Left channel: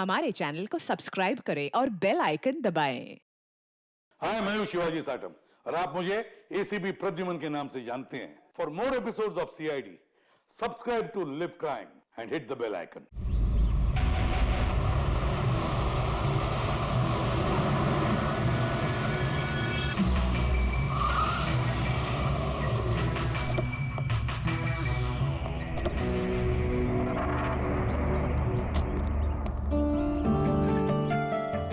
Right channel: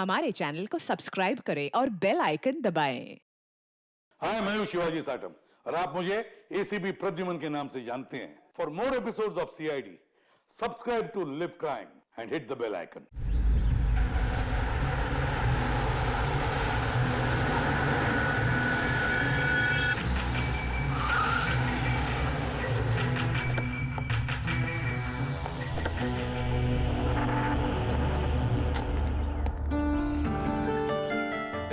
हमारे चैनल को सब्सक्राइब करें और बेल आइकन दबाएं। हाय, मैं हूं शिवाजी साटम और आप मुझे एसीपी प्रद्युमन के नाम से जानते हैं। For more episodes of CID, subscribe to Liv crime and hit the bell icon.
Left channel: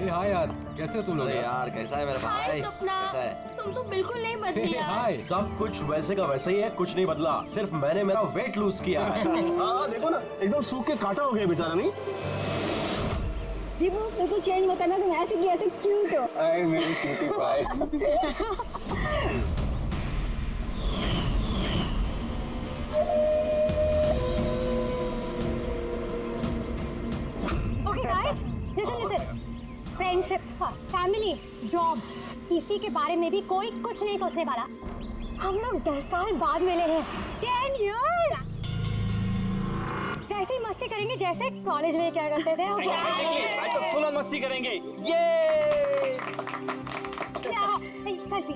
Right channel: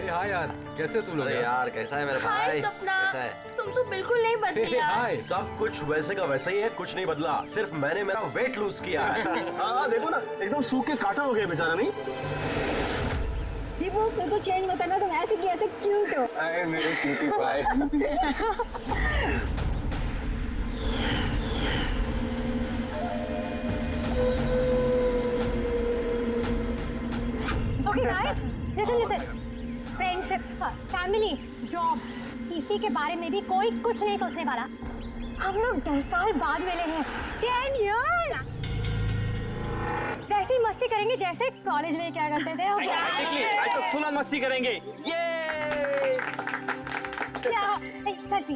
Hi यार, कैसे हो तुम लोग? अरे यार कैसा है मेरा भाई? हाय सपना, कैसा है? तुम तो बिल्कुल नहीं बदली यार। हाय। सब कुछ वैसे का वैसा ही है, कुछ नहीं बदला, सिर्फ मैंने मेरा वेट लूज किया है। हाँ देखो ना, एकदम सूख के काटा हो गया बेचारा। नहीं दीपू, मेरे को चेंज मत करना, तुम ऐसे की ऐसे क्यूट हो। अरे मेरे क्यूटी भाई। Okay guys, listen. Friendship, family, job, किसी के बारे में भी कोई कुछ नहीं सोचने वाला। हम लोग 10 साल बाद मिले हैं, 10 years। वैसे ही मस्ती करेंगे जैसे कॉलेज में क्या करते थे। आज तो फुल ऑन मस्ती करेंगे। ये सेल्फी।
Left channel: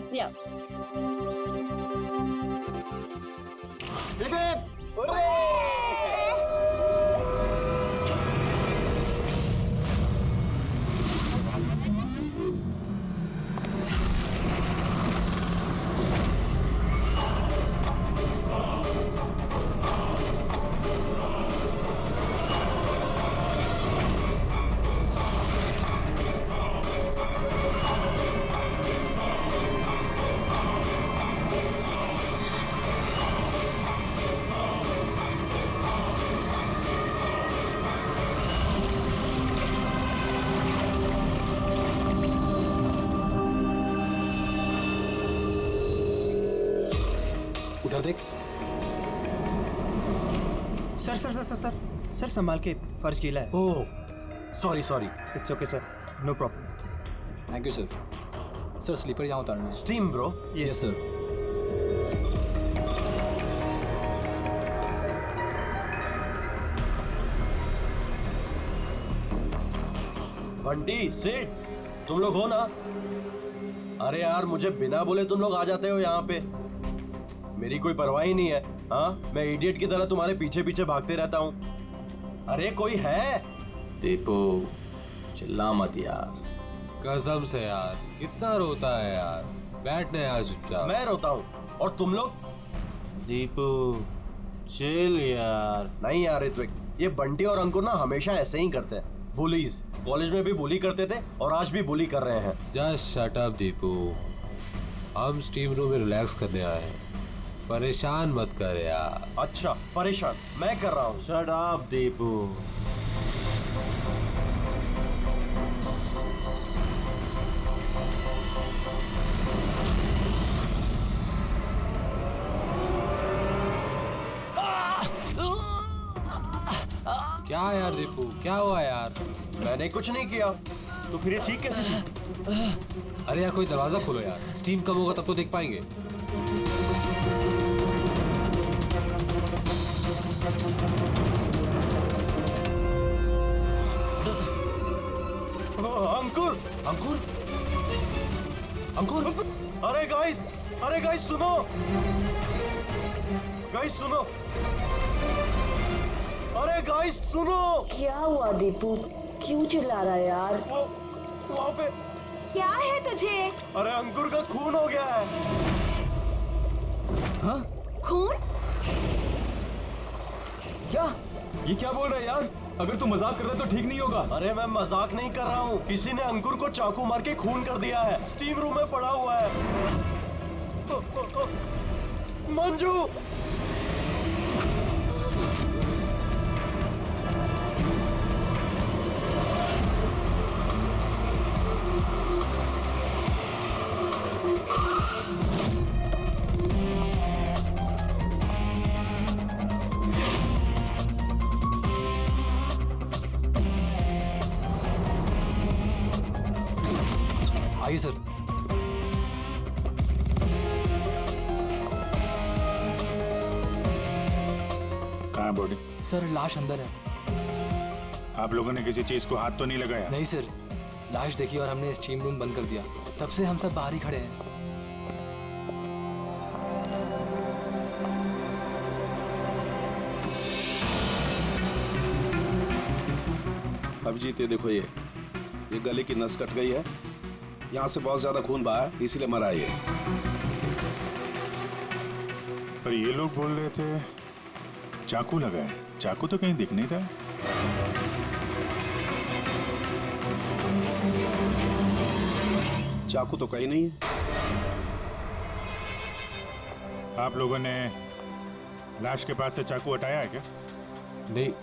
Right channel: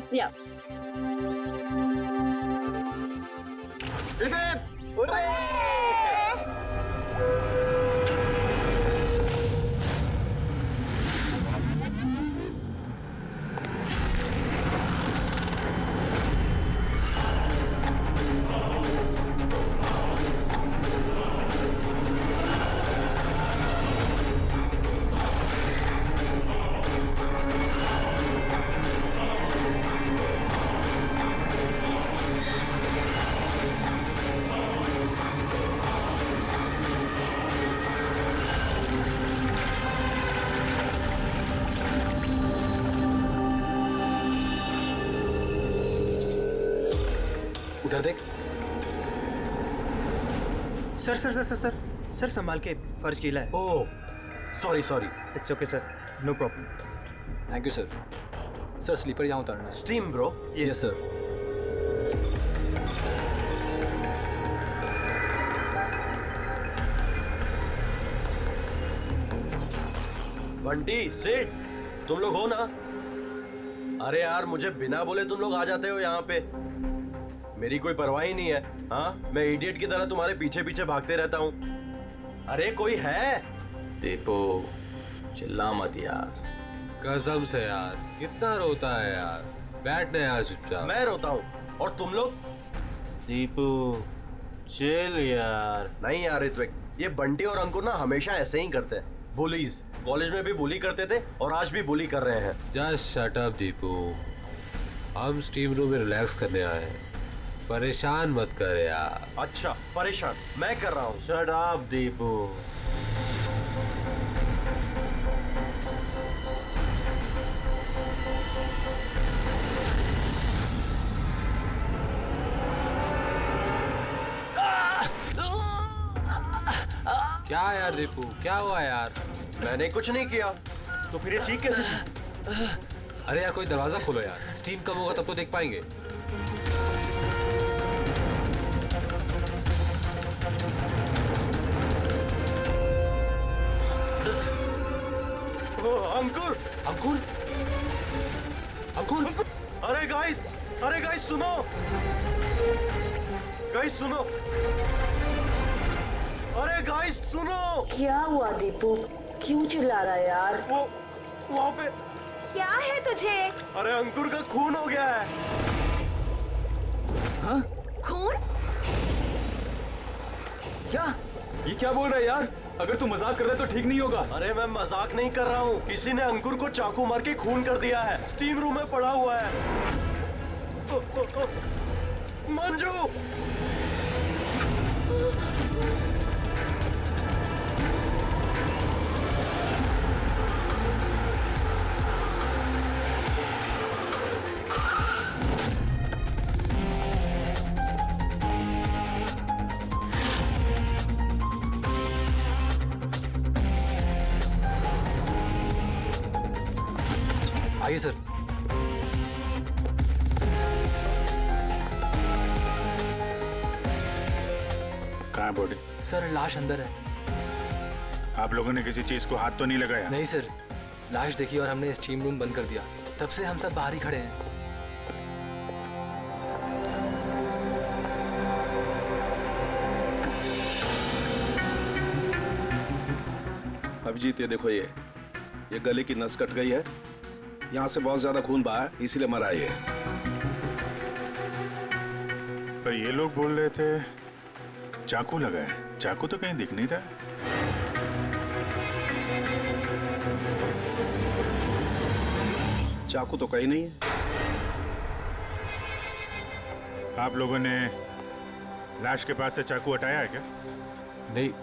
उधर देख। Sir sir sir sir sir sir संभाल के, फर्श गीला है। Oh sorry sorry. It's okay sir, no problem. Thank you sir. Sir slipper यहाँ उतारना है। Steam bro. Yes sir. Bunty sit, तुम लोग हो ना? अरे यार मुझे बिना बोले तुम लोग आ जाते हो यहाँ पे, मेरी कोई परवाह ही नहीं है। हाँ, मैं इडियट की तरह तुम्हारे पीछे पीछे भागते रहता हूँ। अरे कोई है? दीपू चिल्ला मत यार। कसम से यार, कितना रोता है यार। बैठना यार चुपचाप। मैं रोता हूँ और तुम लोग? दीपू चिल यार। नहीं यार ऋत्विक, ये बंटी और अंकुर ना हमेशा ऐसे ही करते हैं। बुलीज, कॉलेज में भी बुली करते थे और आज भी बुली कर रहे हैं। जस्ट शट अप दीपू, हम स्टीम रूम में रिलैक्स करने आए हैं, परेशान मत कर यार। अच्छा परेशान मैं कर रहा हूँ। Shut up Deepu. क्या यार दीपू, क्या हुआ यार? मैंने कुछ नहीं किया। तो फिर ये चीख कैसे थी? अरे यार कोई दरवाजा खोलो यार, स्टीम कम होगा तब तो देख पाएंगे। अंकुर अंकुर अंकुर। अरे गाइस सुनो, गाइस सुनो, अरे गाइस सुनो। क्या हुआ दीपू, क्यों चिल्ला रहा है यार? वो वहाँ पे क्या है तुझे? अरे अंकुर का खून हो गया है। खून? क्या? ये क्या बोल रहा है यार? अगर तू मजाक कर रहा है तो ठीक नहीं होगा। अरे मैं मजाक नहीं कर रहा हूँ, किसी ने अंकुर को चाकू मार के खून कर दिया है, स्टीम रूम में पड़ा हुआ है। मंजू, आइए सर। कहाँ है बॉडी? सर लाश अंदर है। आप लोगों ने किसी चीज को हाथ तो नहीं लगाया? नहीं सर, लाश देखी और हमने स्टीम रूम बंद कर दिया। तब से हम सब बाहर ही खड़े हैं। अभिजीत ये देखो, ये गले की नस कट गई है, यहाँ से बहुत ज्यादा खून बहा है, इसीलिए मरा ये। पर ये लोग बोल रहे थे चाकू लगा है। चाकू तो कहीं दिख नहीं रहा। चाकू तो कहीं नहीं है। आप लोगों ने लाश के पास से चाकू हटाया है क्या?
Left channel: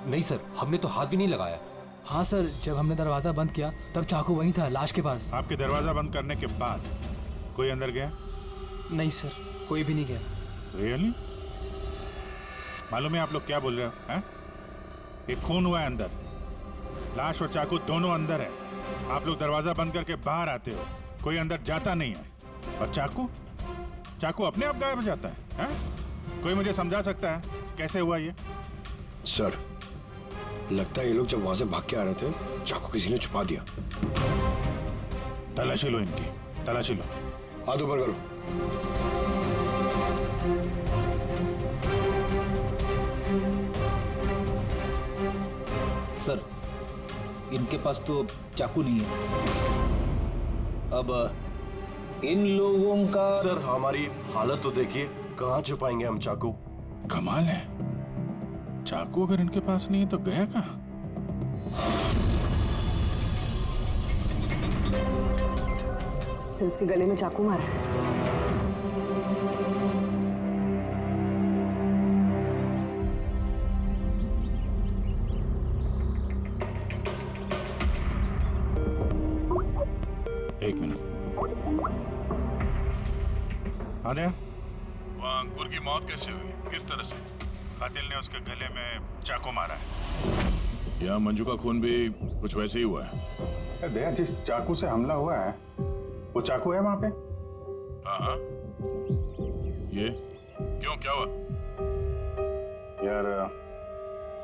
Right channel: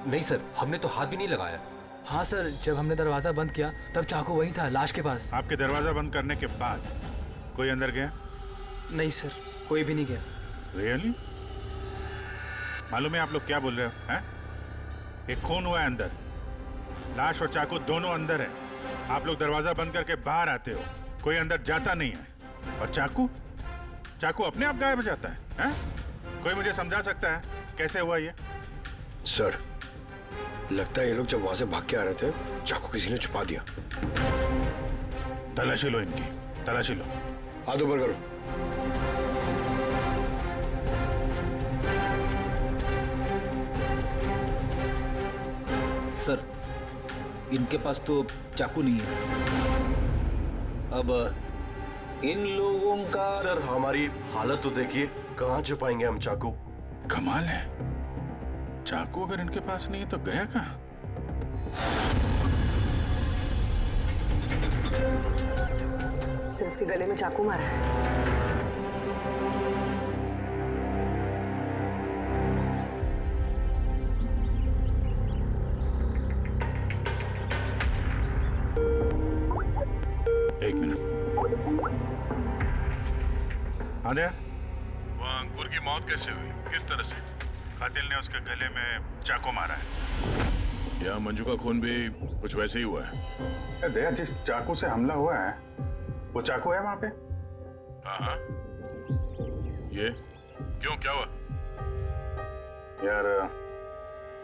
नहीं सर, हमने तो हाथ भी नहीं लगाया। हाँ सर, जब हमने दरवाजा बंद किया तब चाकू वहीं था, लाश के पास। आपके दरवाजा बंद करने के बाद कोई अंदर गया? नहीं सर, कोई भी नहीं गया। रियली? मालूम है आप लोग क्या बोल रहे हो? हैं? एक खून हुआ है अंदर, लाश और चाकू दोनों अंदर है। आप लोग दरवाजा बंद करके बाहर आते हो, कोई अंदर जाता नहीं है। और चाकू अपने आप गायब हो जाता है, हैं? कोई मुझे समझा सकता है कैसे हुआ ये? सर, लगता है ये लोग जब वहां से भाग के आ रहे थे, चाकू किसी ने छुपा दिया। तलाशी लो इनकी, तलाशी लो। हाथ ऊपर करो। सर, इनके पास तो चाकू नहीं है। अब इन लोगों का। सर, हमारी हालत तो देखिए, कहाँ छुपाएंगे हम चाकू? कमाल है, चाकू अगर इनके पास नहीं है तो गया कहाँ? सर, इसके गले में चाकू मारा है। एक मिनट। आदे, वो अंकुर की मौत कैसे हुई? किस तरह से? कातिल ने उसके गले में चाकू मारा है। यहाँ मंजू का खून भी कुछ वैसे ही हुआ है। दया, जिस चाकू से हमला हुआ है वो चाकू है वहां पे? हाँ। ये क्यों, क्या हुआ? यार,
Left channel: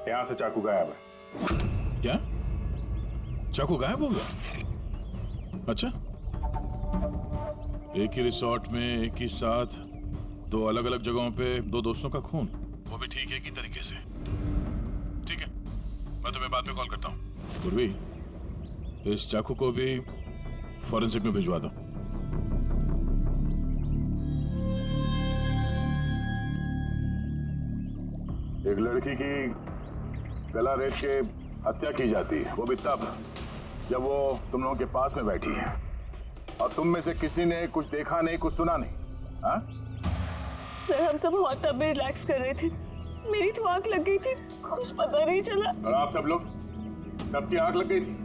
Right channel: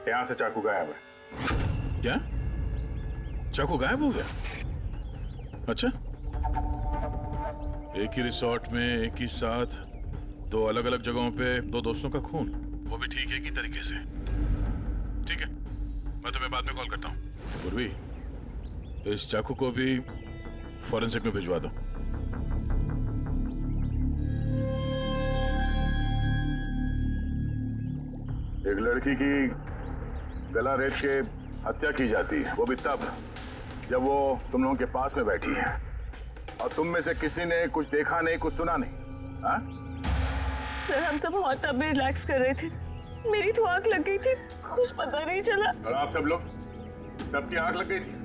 यहाँ से चाकू गायब है। क्या? चाकू गायब हो गया? अच्छा, एक ही रिसोर्ट में एक ही साथ दो अलग अलग जगहों पे दो दोस्तों का खून, वो भी ठीक एक ही तरीके से। ठीक है, मैं तुम्हें बाद में कॉल करता हूँ। पूर्वी, इस चाकू को भी फॉरेंसिक में भिजवा दो। एक लड़की की गला रेत के हत्या की जाती है, वो भी तब जब वो तुम लोगों के पास में बैठी है और तुम में से किसी ने कुछ देखा नहीं, कुछ सुना नहीं। हाँ? सर, हम सब हॉट टब में रिलैक्स कर रहे थे, मेरी तो आंख लग गई थी, कुछ पता नहीं चला। और आप सब लोग, सबकी आंख लग गई थी?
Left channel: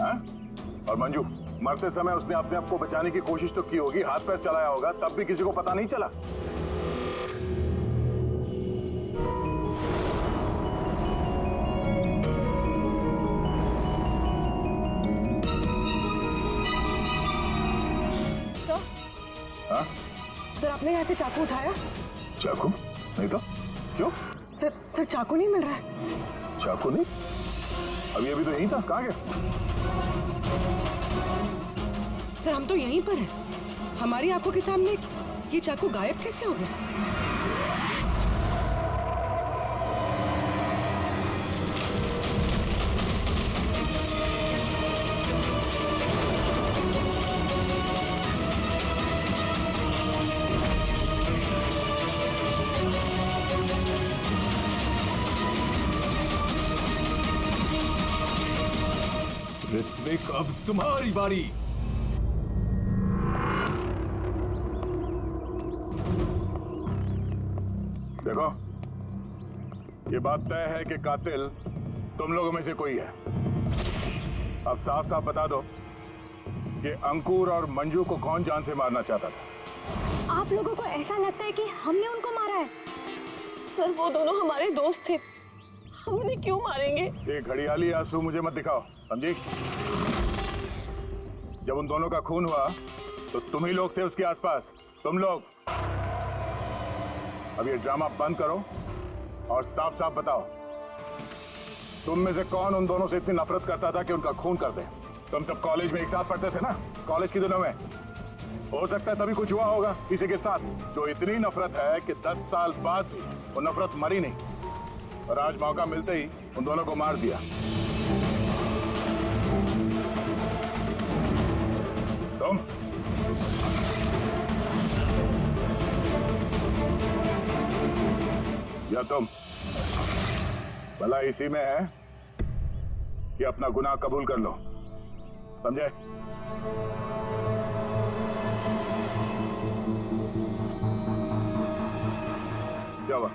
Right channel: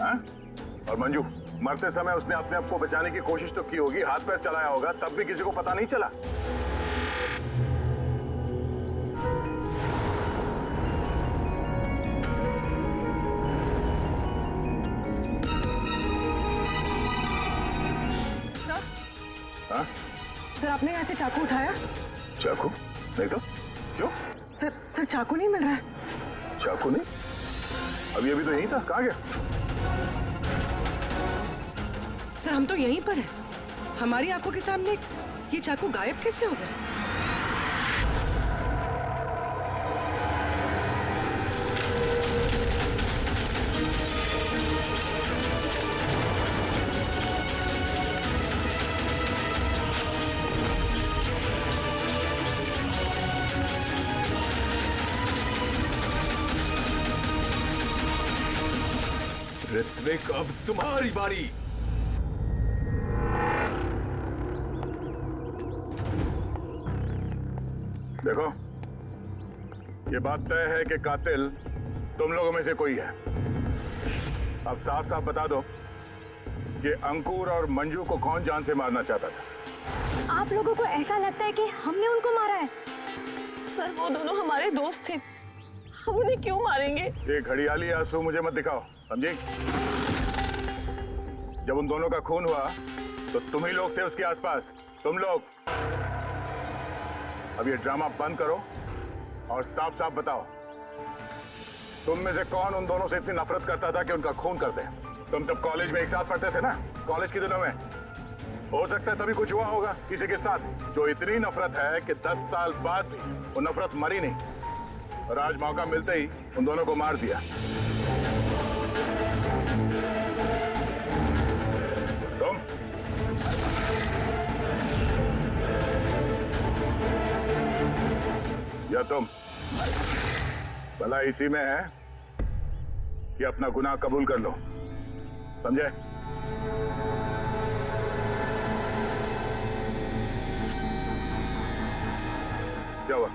हाँ? और मंजू, मरते समय उसने अपने आप को बचाने की कोशिश तो की होगी, हाथ पैर चलाया होगा, तब भी किसी को पता नहीं चला। हाँ? सर, आपने यहाँ से चाकू उठाया? चाकू नहीं तो क्यों? सर चाकू नहीं मिल रहा है। चाकू नहीं? अभी तो यहीं था, कहाँ गया? सर, हम तो यहीं पर हैं, हमारी आंखों के सामने ये चाकू गायब कैसे हो गया? ऋत्विक, अब तुम्हारी बारी। देखो, ये बात तय है कि कातिल तुम लोगों में से कोई है। अब साफ साफ बता दो कि अंकुर और मंजू को कौन जान से मारना चाहता था। आप लोगों को ऐसा लगता है कि हमने उनको मारा है? सर, वो दोनों हमारे दोस्त थे, हम उन्हें क्यों मारेंगे? ये घड़ियाली आंसू मुझे मत दिखाओ, समझी? जब उन दोनों का खून हुआ तो तुम ही लोग थे उसके आसपास, तुम लोग। अब ये ड्रामा बंद करो और साफ साफ बताओ तुम में से कौन उन दोनों से इतनी नफरत करता था कि उनका खून कर दे? तुम सब कॉलेज में एक साथ पढ़ते थे ना, कॉलेज के दिनों में। हो सकता है तभी कुछ हुआ होगा किसी के साथ, जो इतनी नफरत है कि 10 साल बाद भी वो नफरत मरी नहीं। और आज मौका मिलते ही उन दोनों को मार दिया। तुम या तुम, भला इसी में है कि अपना गुनाह कबूल कर लो, समझे? क्या हुआ?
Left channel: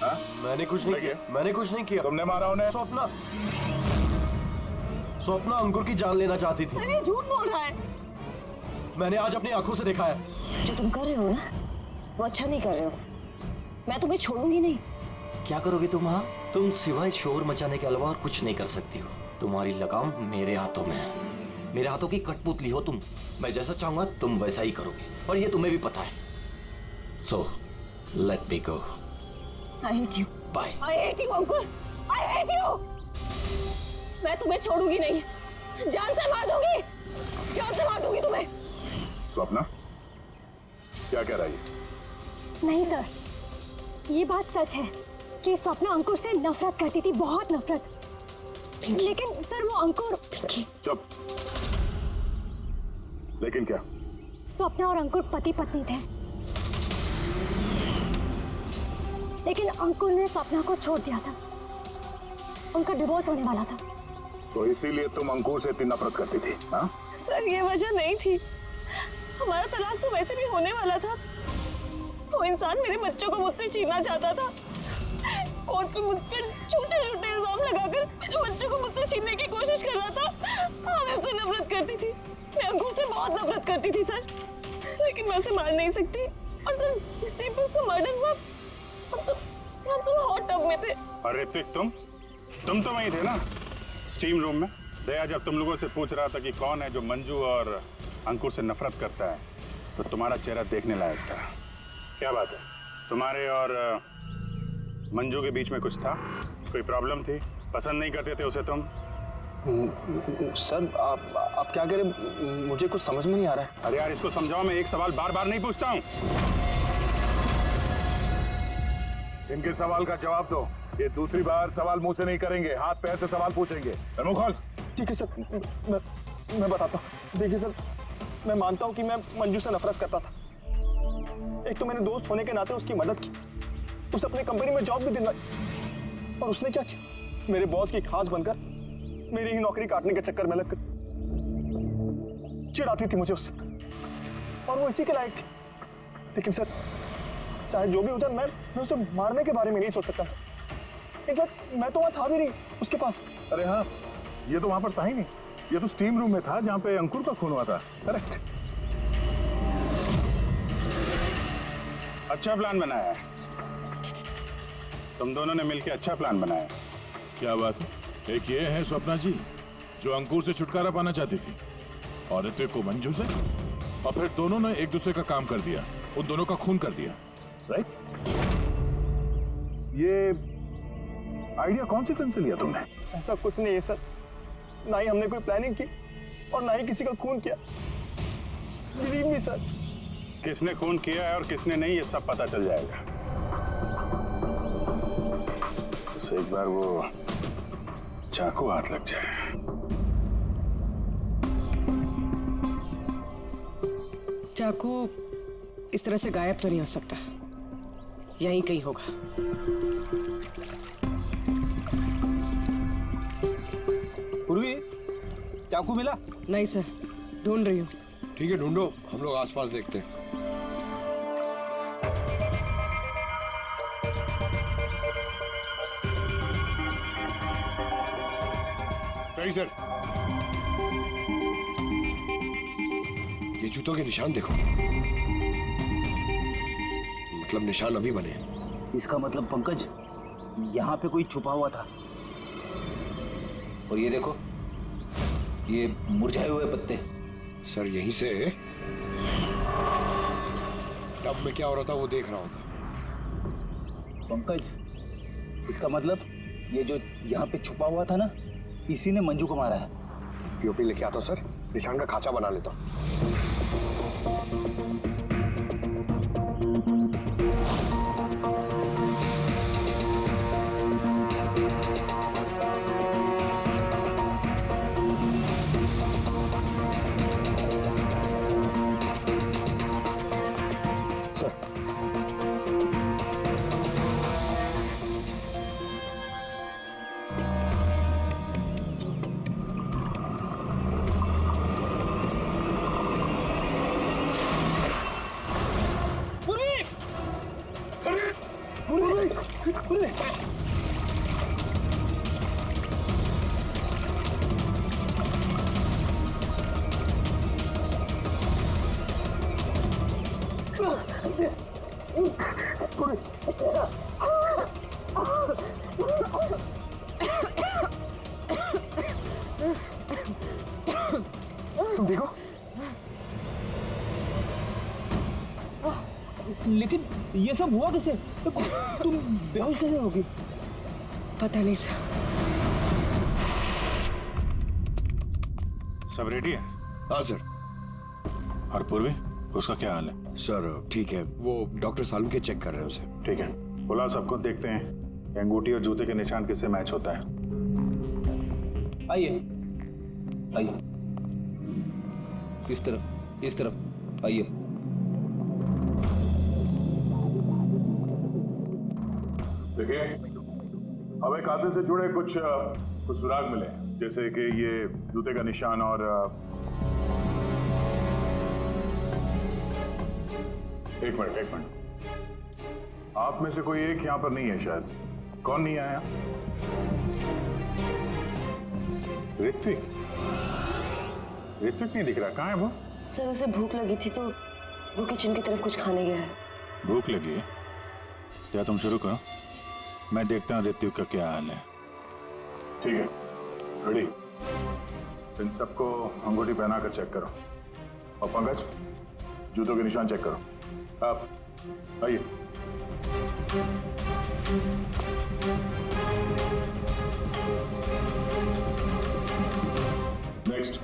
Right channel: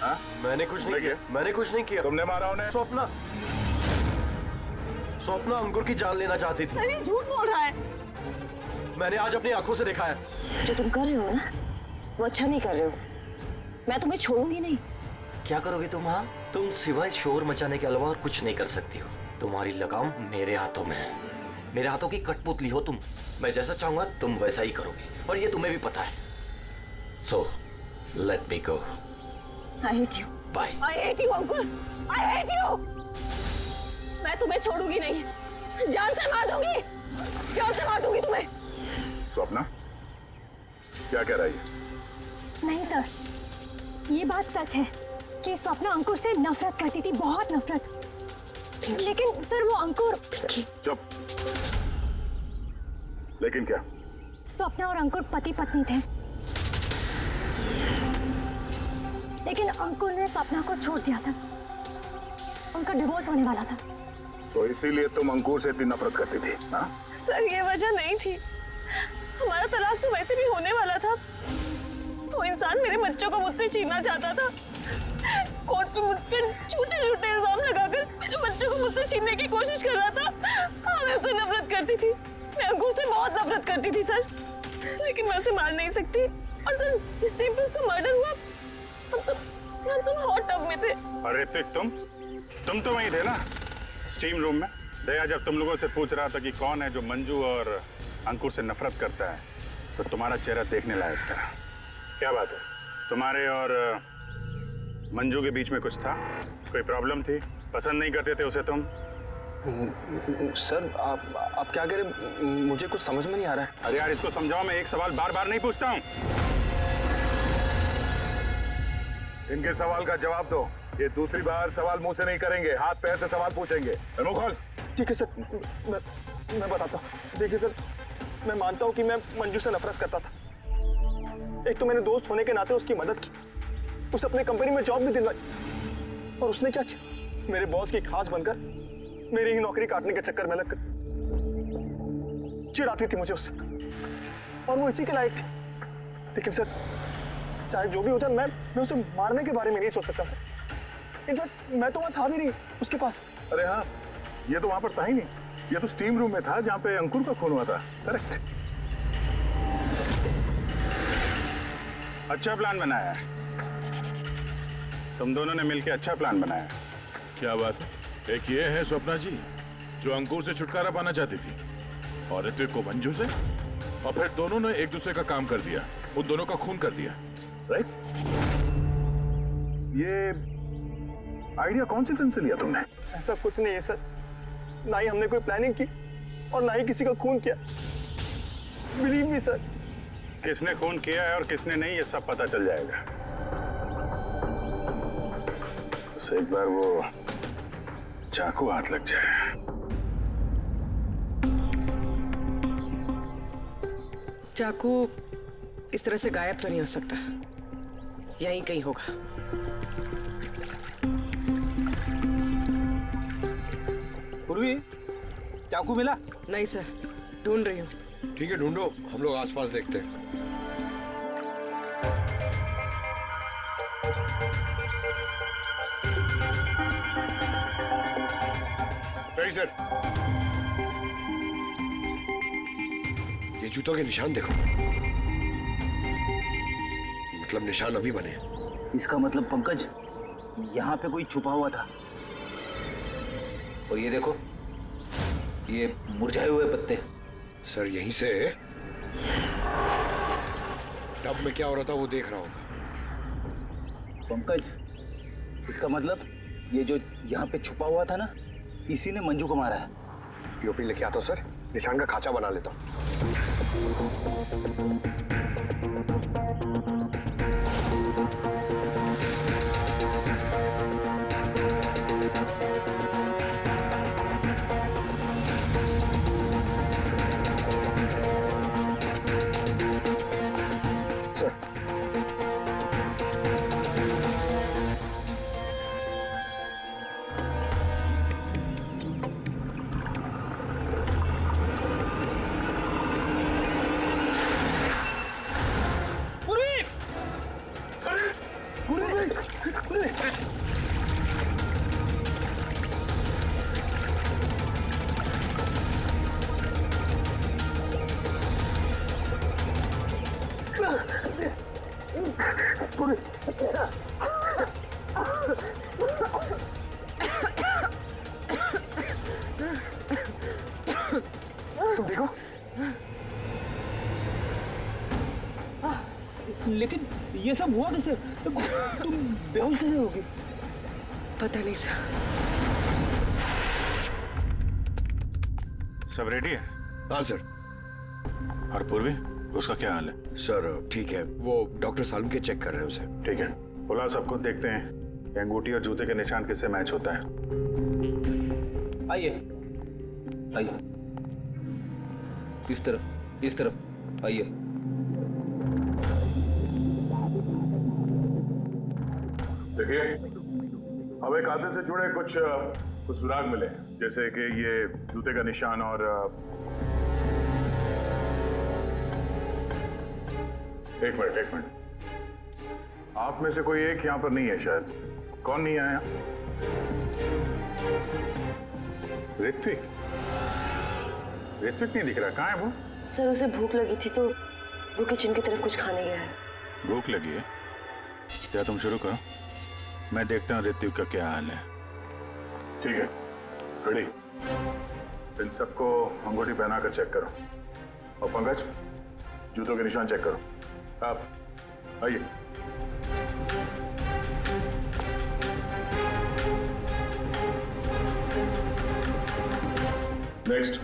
हाँ? मैंने कुछ नहीं किया, मैंने कुछ नहीं किया। तुमने मारा उन्हें? स्वप्ना, स्वप्ना अंकुर की जान लेना चाहती थी। अरे झूठ बोल रहा है। मैंने आज अपनी आंखों से देखा है। जो तुम कर रहे हो ना, वो अच्छा नहीं कर रहे हो। मैं तुम्हें छोड़ूंगी नहीं। क्या करोगी तुम? हाँ, तुम सिवाय शोर मचाने के अलावा और कुछ नहीं कर सकती हो। तुम्हारी लगाम मेरे हाथों में है। मेरे हाथों की कठपुतली हो तुम। मैं जैसा चाहूंगा तुम वैसा ही करोगी, और ये तुम्हें भी पता है। So let me go. I hate you. Bye. I hate you Ankur, I hate you. मैं तुम्हें छोड़ूंगी नहीं, जान से मार दूंगी, जान से मार दूंगी तुम्हें। स्वप्ना, क्या कह रही है? नहीं सर, ये बात सच है कि स्वप्ना अंकुर से नफरत करती थी, बहुत नफरत। लेकिन सर वो अंकुर। चुप। लेकिन क्या? स्वप्ना और अंकुर पति पत्नी थे, लेकिन अंकुर ने स्वप्ना को छोड़ दिया था। उनका डिवोर्स होने वाला था। तो इसीलिए तुम अंकुर से इतनी नफरत करती थी? हाँ? सर ये वजह नहीं थी। हमारा तलाक तो वैसे भी होने वाला था। वो इंसान मेरे बच्चों को मुझसे छीनना चाहता था। कोर्ट पे मुझ पर झूठे झूठे इल्जाम लगाकर मेरे बच्चों को मुझसे छीनने की कोशिश कर रहा था। हाँ, मैं उससे नफरत करती थी। मैं अंकुर से बहुत नफरत करती थी सर, लेकिन मैं उसे मार नहीं सकती। और सर जिस टाइम पे उसका मर्डर हुआ, हम सब हॉट टब में थे। अरे ऋतिक, तुम तो वहीं थे ना, स्टीम रूम में। दया जब तुम लोगों से पूछ रहा था कि कौन है जो मंजू और अंकुर से नफरत करता है, तो तुम्हारा चेहरा देखने लायक था। क्या बात है, तुम्हारे और मंजू के बीच में कुछ था? कोई प्रॉब्लम थी? पसंद नहीं करते थे उसे तुम? सर आप क्या कह रहे? मुझे कुछ समझ में नहीं आ रहा है। अरे यार, इसको समझाओ। मैं एक सवाल बार बार नहीं पूछता हूँ। इनके सवाल का जवाब दो। ये दूसरी बार सवाल मुंह से नहीं करेंगे, हाथ पैर से सवाल पूछेंगे। मुंह खोल। ठीक है सर, मैं बताता हूँ। देखिए सर, मैं मानता हूँ कि मैं मंजू से नफरत करता था। एक तो मैंने दोस्त होने के नाते उसकी मदद की, उसे अपने कंपनी में जॉब भी दिलवाई, और उसने क्या किया? मेरे बॉस की खास बनकर मेरी ही नौकरी काटने के चक्कर में लगकर चिढ़ाती थी मुझे उससे, और वो इसी के लायक थी। लेकिन सर, चाहे जो भी होता, मैं उसे मारने के बारे में नहीं सोच सकता सर। इनफैक्ट मैं तो वहां था भी नहीं उसके पास। अरे हाँ, ये तो वहां पर था ही नहीं। ये तो स्टीम रूम में था जहां पे अंकुर का खून हुआ था। करेक्ट। अच्छा प्लान बनाया है तुम दोनों ने मिलकर, अच्छा प्लान बनाया है। क्या बात है? एक ये है स्वप्ना जी जो अंकुर से छुटकारा पाना चाहती थी, और ऋतिक को मंजू से, और फिर दोनों ने एक दूसरे का काम कर दिया, उन दोनों का खून कर दिया। राइट? ये आइडिया कौन सी फिल्म से लिया तुमने? ऐसा कुछ नहीं है सर, ना ही हमने कोई प्लानिंग की और ना ही किसी का खून किया। Believe me sir. किसने खून किया है और किसने नहीं, ये सब पता चल जाएगा। बस एक बार वो चाकू हाथ लग जाए। चाकू इस तरह से गायब तो नहीं हो सकता, यहीं कहीं होगा। पूर्वी, चाकू मिला? नहीं सर, ढूंढ रही हूँ। ठीक है, ढूंढो, हम लोग आसपास देखते हैं। Ready sir. ये जूतों के निशान देखो, मतलब निशान अभी बने। इसका मतलब पंकज, यहाँ पे कोई छुपा हुआ था। और ये देखो, ये मुरझाए हुए पत्ते। सर यहीं से टब में क्या हो रहा था वो देख रहा होगा। पंकज, इसका मतलब ये जो यहाँ पे छुपा हुआ था ना, इसी ने मंजू को मारा है। पीओपी लेके आता हूँ सर, निशान का खांचा बना लेता हूँ। तुम देखो, लेकिन ये सब हुआ कैसे? तुम बेहोश कैसे होगी? पता नहीं सर। सब रेडी है? हाँ सर। और पूर्वी, उसका क्या हाल है? सर ठीक है, वो डॉक्टर सालम के चेक कर रहे हैं उसे। ठीक है, बुला सबको, देखते हैं अंगूठी और जूते के निशान किससे मैच होता है। आइए आइए, इस तरफ आइए। देखिए, हमें कातिल से जुड़े कुछ सुराग मिले, जैसे कि ये जूते का निशान और एक मिनट, आप में से कोई एक यहाँ पर नहीं है शायद। कौन नहीं आया? ऋत्विक नहीं दिख रहा, कहाँ है वो? सर उसे भूख लगी थी तो वो किचन की तरफ कुछ खाने गया है। भूख लगी है? क्या तुम शुरू करो, मैं देखता हूँ ऋत्विक का क्या हाल है। ठीक है, रेडी। इन सबको अंगूठी पहनाकर चेक करो, और पंकज जूतों के निशान चेक करो। आप आइए। नेक्स्ट।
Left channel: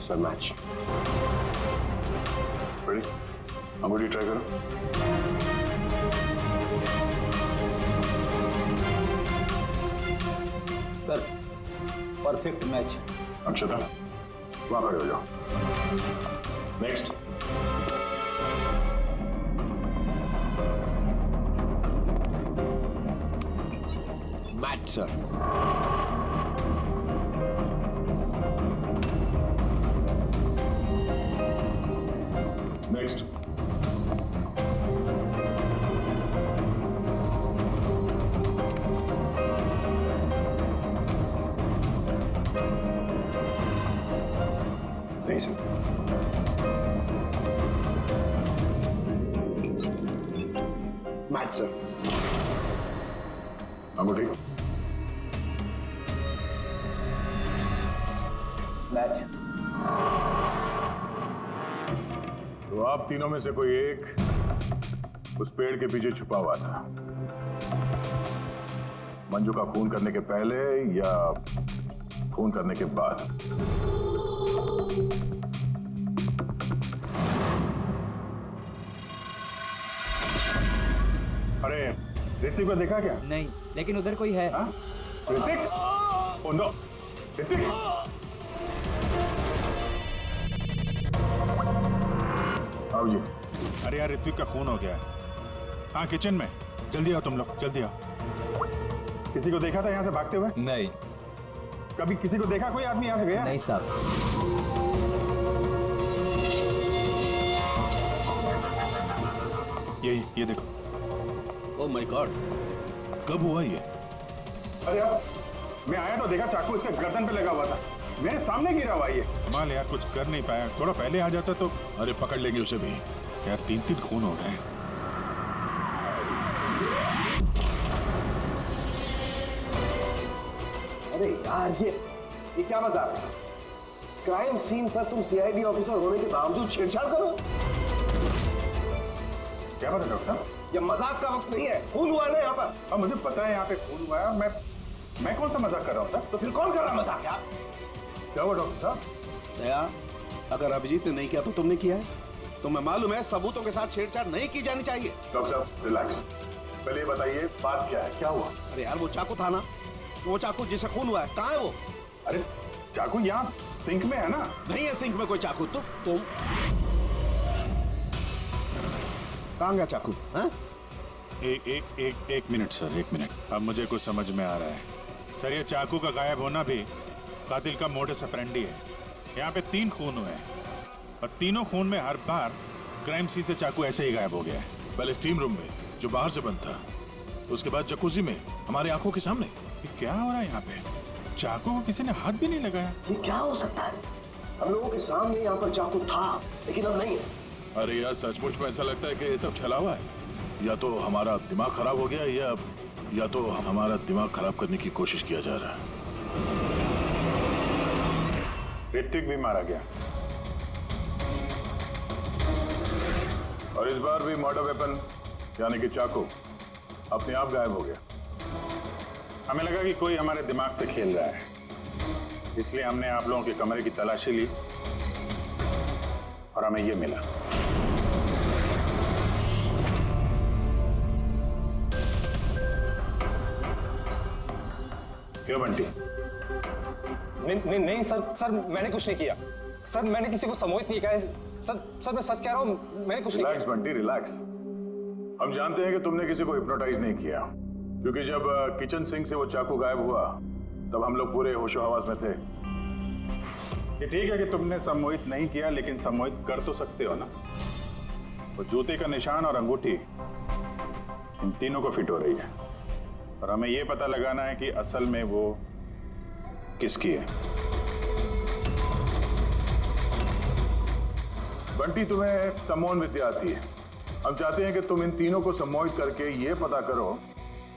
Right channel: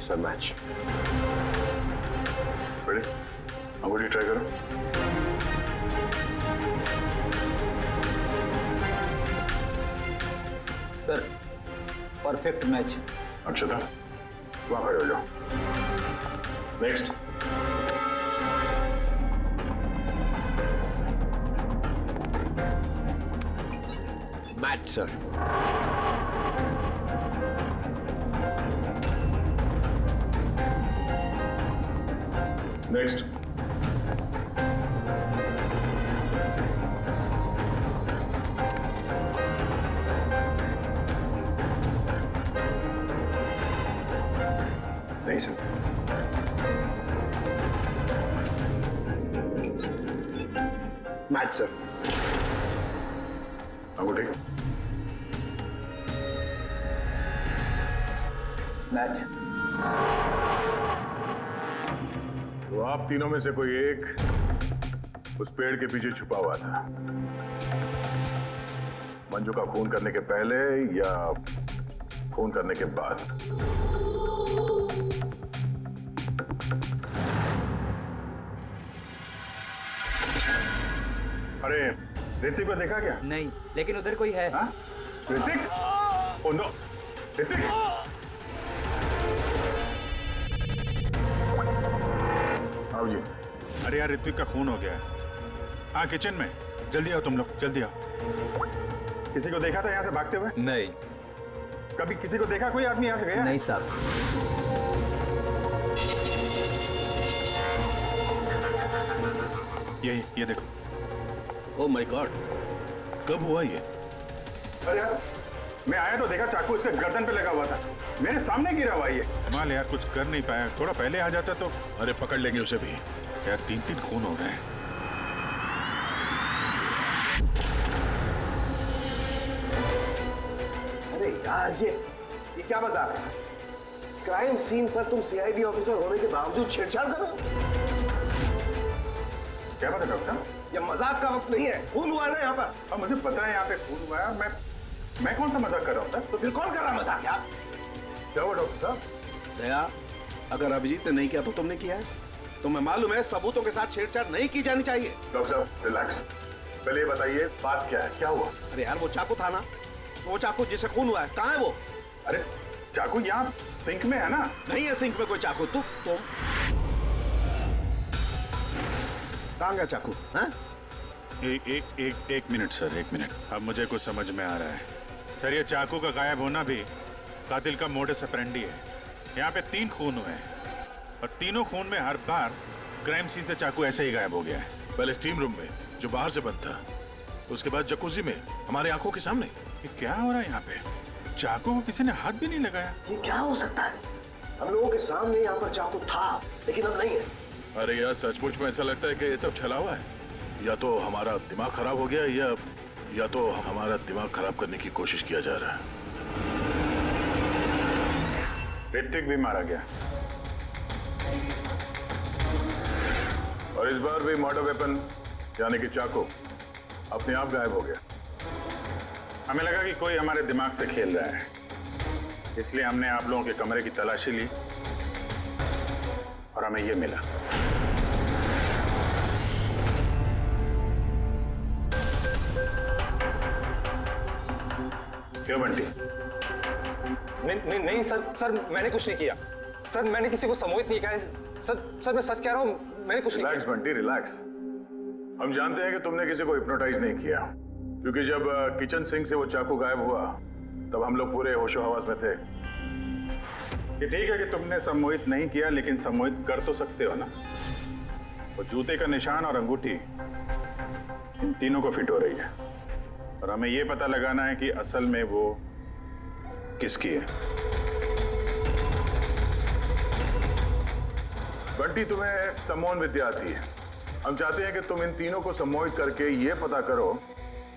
Sir match. रेडी? अंगूठी ट्राई करो। Sir perfect match. अक्षता, वहां खड़े हो जाओ। नेक्स्ट। Match sir. नेक्स्ट। नहीं सर। Match sir. अंगूठी। मैच। तो आप तीनों में से कोई एक उस पेड़ के पीछे छुपा हुआ था, मंजू का खून करने के पहले या खून करने के बाद? अरे ऋतिक को देखा क्या? नहीं, लेकिन उधर कोई है। ऋतिक? Oh no, Hrithik! आओ जी। अरे यार, ऋत्विक का खून हो गया है। हाँ, किचन में। जल्दी आओ तुम लोग, जल्दी आओ। किसी को देखा था यहाँ से भागते हुए? नहीं। कभी किसी को देखा कोई आदमी यहाँ से गया? नहीं साहब। ये देखो। ओह माय गॉड, कब हुआ ये? अरे यार, मैं आया तो देखा चाकू इसके गर्दन पे लगा हुआ था, मेरे सामने गिरा हुआ ये। माल यार, कुछ कर नहीं पाया, थोड़ा पहले आ जाता तो। अरे पकड़ लेंगे उसे भी। यार 3 खून हो गए। अरे यार, ये क्या मजाक है? क्राइम सीन पर तुम सीआईडी ऑफिसर होने के बावजूद छेड़छाड़ कर रहे हो? क्या बात है डॉक्टर साहब? ये मजाक का वक्त नहीं है। खून हुआ है ना यहाँ पर। और मुझे पता है यहाँ पे खून हुआ है और मैं कौन सा मजाक कर रहा हूँ सर? तो फिर कौन कर रहा मजाक यार? क्या हुआ डॉक्टर साहब? दया, अगर अभिजीत ने नहीं किया तो तुमने किया है। तुम्हें मालूम है सबूतों के साथ छेड़छाड़ नहीं की जानी चाहिए। डॉक्टर साहब रिलैक्स, पहले ये बताइए बात क्या है, क्या हुआ? अरे यार वो चाकू था ना, वो चाकू जिसे खून हुआ है, कहाँ है वो? अरे चाकू यहाँ सिंक में है ना? नहीं है सिंक में कोई चाकू। तुम कहाँ गया चाकू? हाँ? एक मिनट सर, एक मिनट। अब मुझे कुछ समझ में आ रहा है सर। ये चाकू का गायब होना भी कातिल का मोडस ऑपरेंडी है। यहाँ पे 3 खून हुए हैं और तीनों खून में हर बार क्राइम सीन से चाकू ऐसे ही गायब हो गया है। पहले स्टीम रूम में जो बाहर से बंद था, उसके बाद जकूजी में हमारे आंखों के सामने। ये क्या हो रहा है यहाँ पे? चाकू को किसी ने हाथ भी नहीं लगाया। ये क्या हो सकता है? हम लोगों के सामने यहाँ पर चाकू था लेकिन अब नहीं है। अरे यार सचमुच में ऐसा लगता है कि ये सब छलावा है। या तो हमारा दिमाग खराब हो गया या तो हमारा दिमाग खराब करने की कोशिश किया जा रहा है। ऋतिक भी मारा गया और इस बार भी मर्डर वेपन यानी कि चाकू अपने आप गायब हो गया। हमें लगा कि कोई हमारे दिमाग से खेल रहा है, इसलिए हमने आप लोगों के कमरे की तलाशी ली और हमें ये मिला। क्यों बंटी? नहीं सर मैंने कुछ नहीं किया। सर मैंने किसी को सम्मोहित नहीं किया। सर मैं सच कह रहा हूं, मैंने कुछ नहीं किया। Relax Bunty relax. हम जानते हैं कि तुमने किसी को हिप्नोटाइज नहीं किया, क्योंकि जब किचन सिंक से वो चाकू गायब हुआ तब हम लोग पूरे होशो हवास में थे। ये ठीक है कि तुमने सम्मोहित नहीं किया, लेकिन सम्मोहित कर तो सकते हो ना। वो जूते का निशान और अंगूठी इन तीनों को फिट हो रही है और हमें ये पता लगाना है कि असल में वो किसकी है। बंटी तुम्हें सम्मोहन विद्या आती है। हम चाहते हैं कि तुम इन तीनों को सम्मोहित करके ये पता करो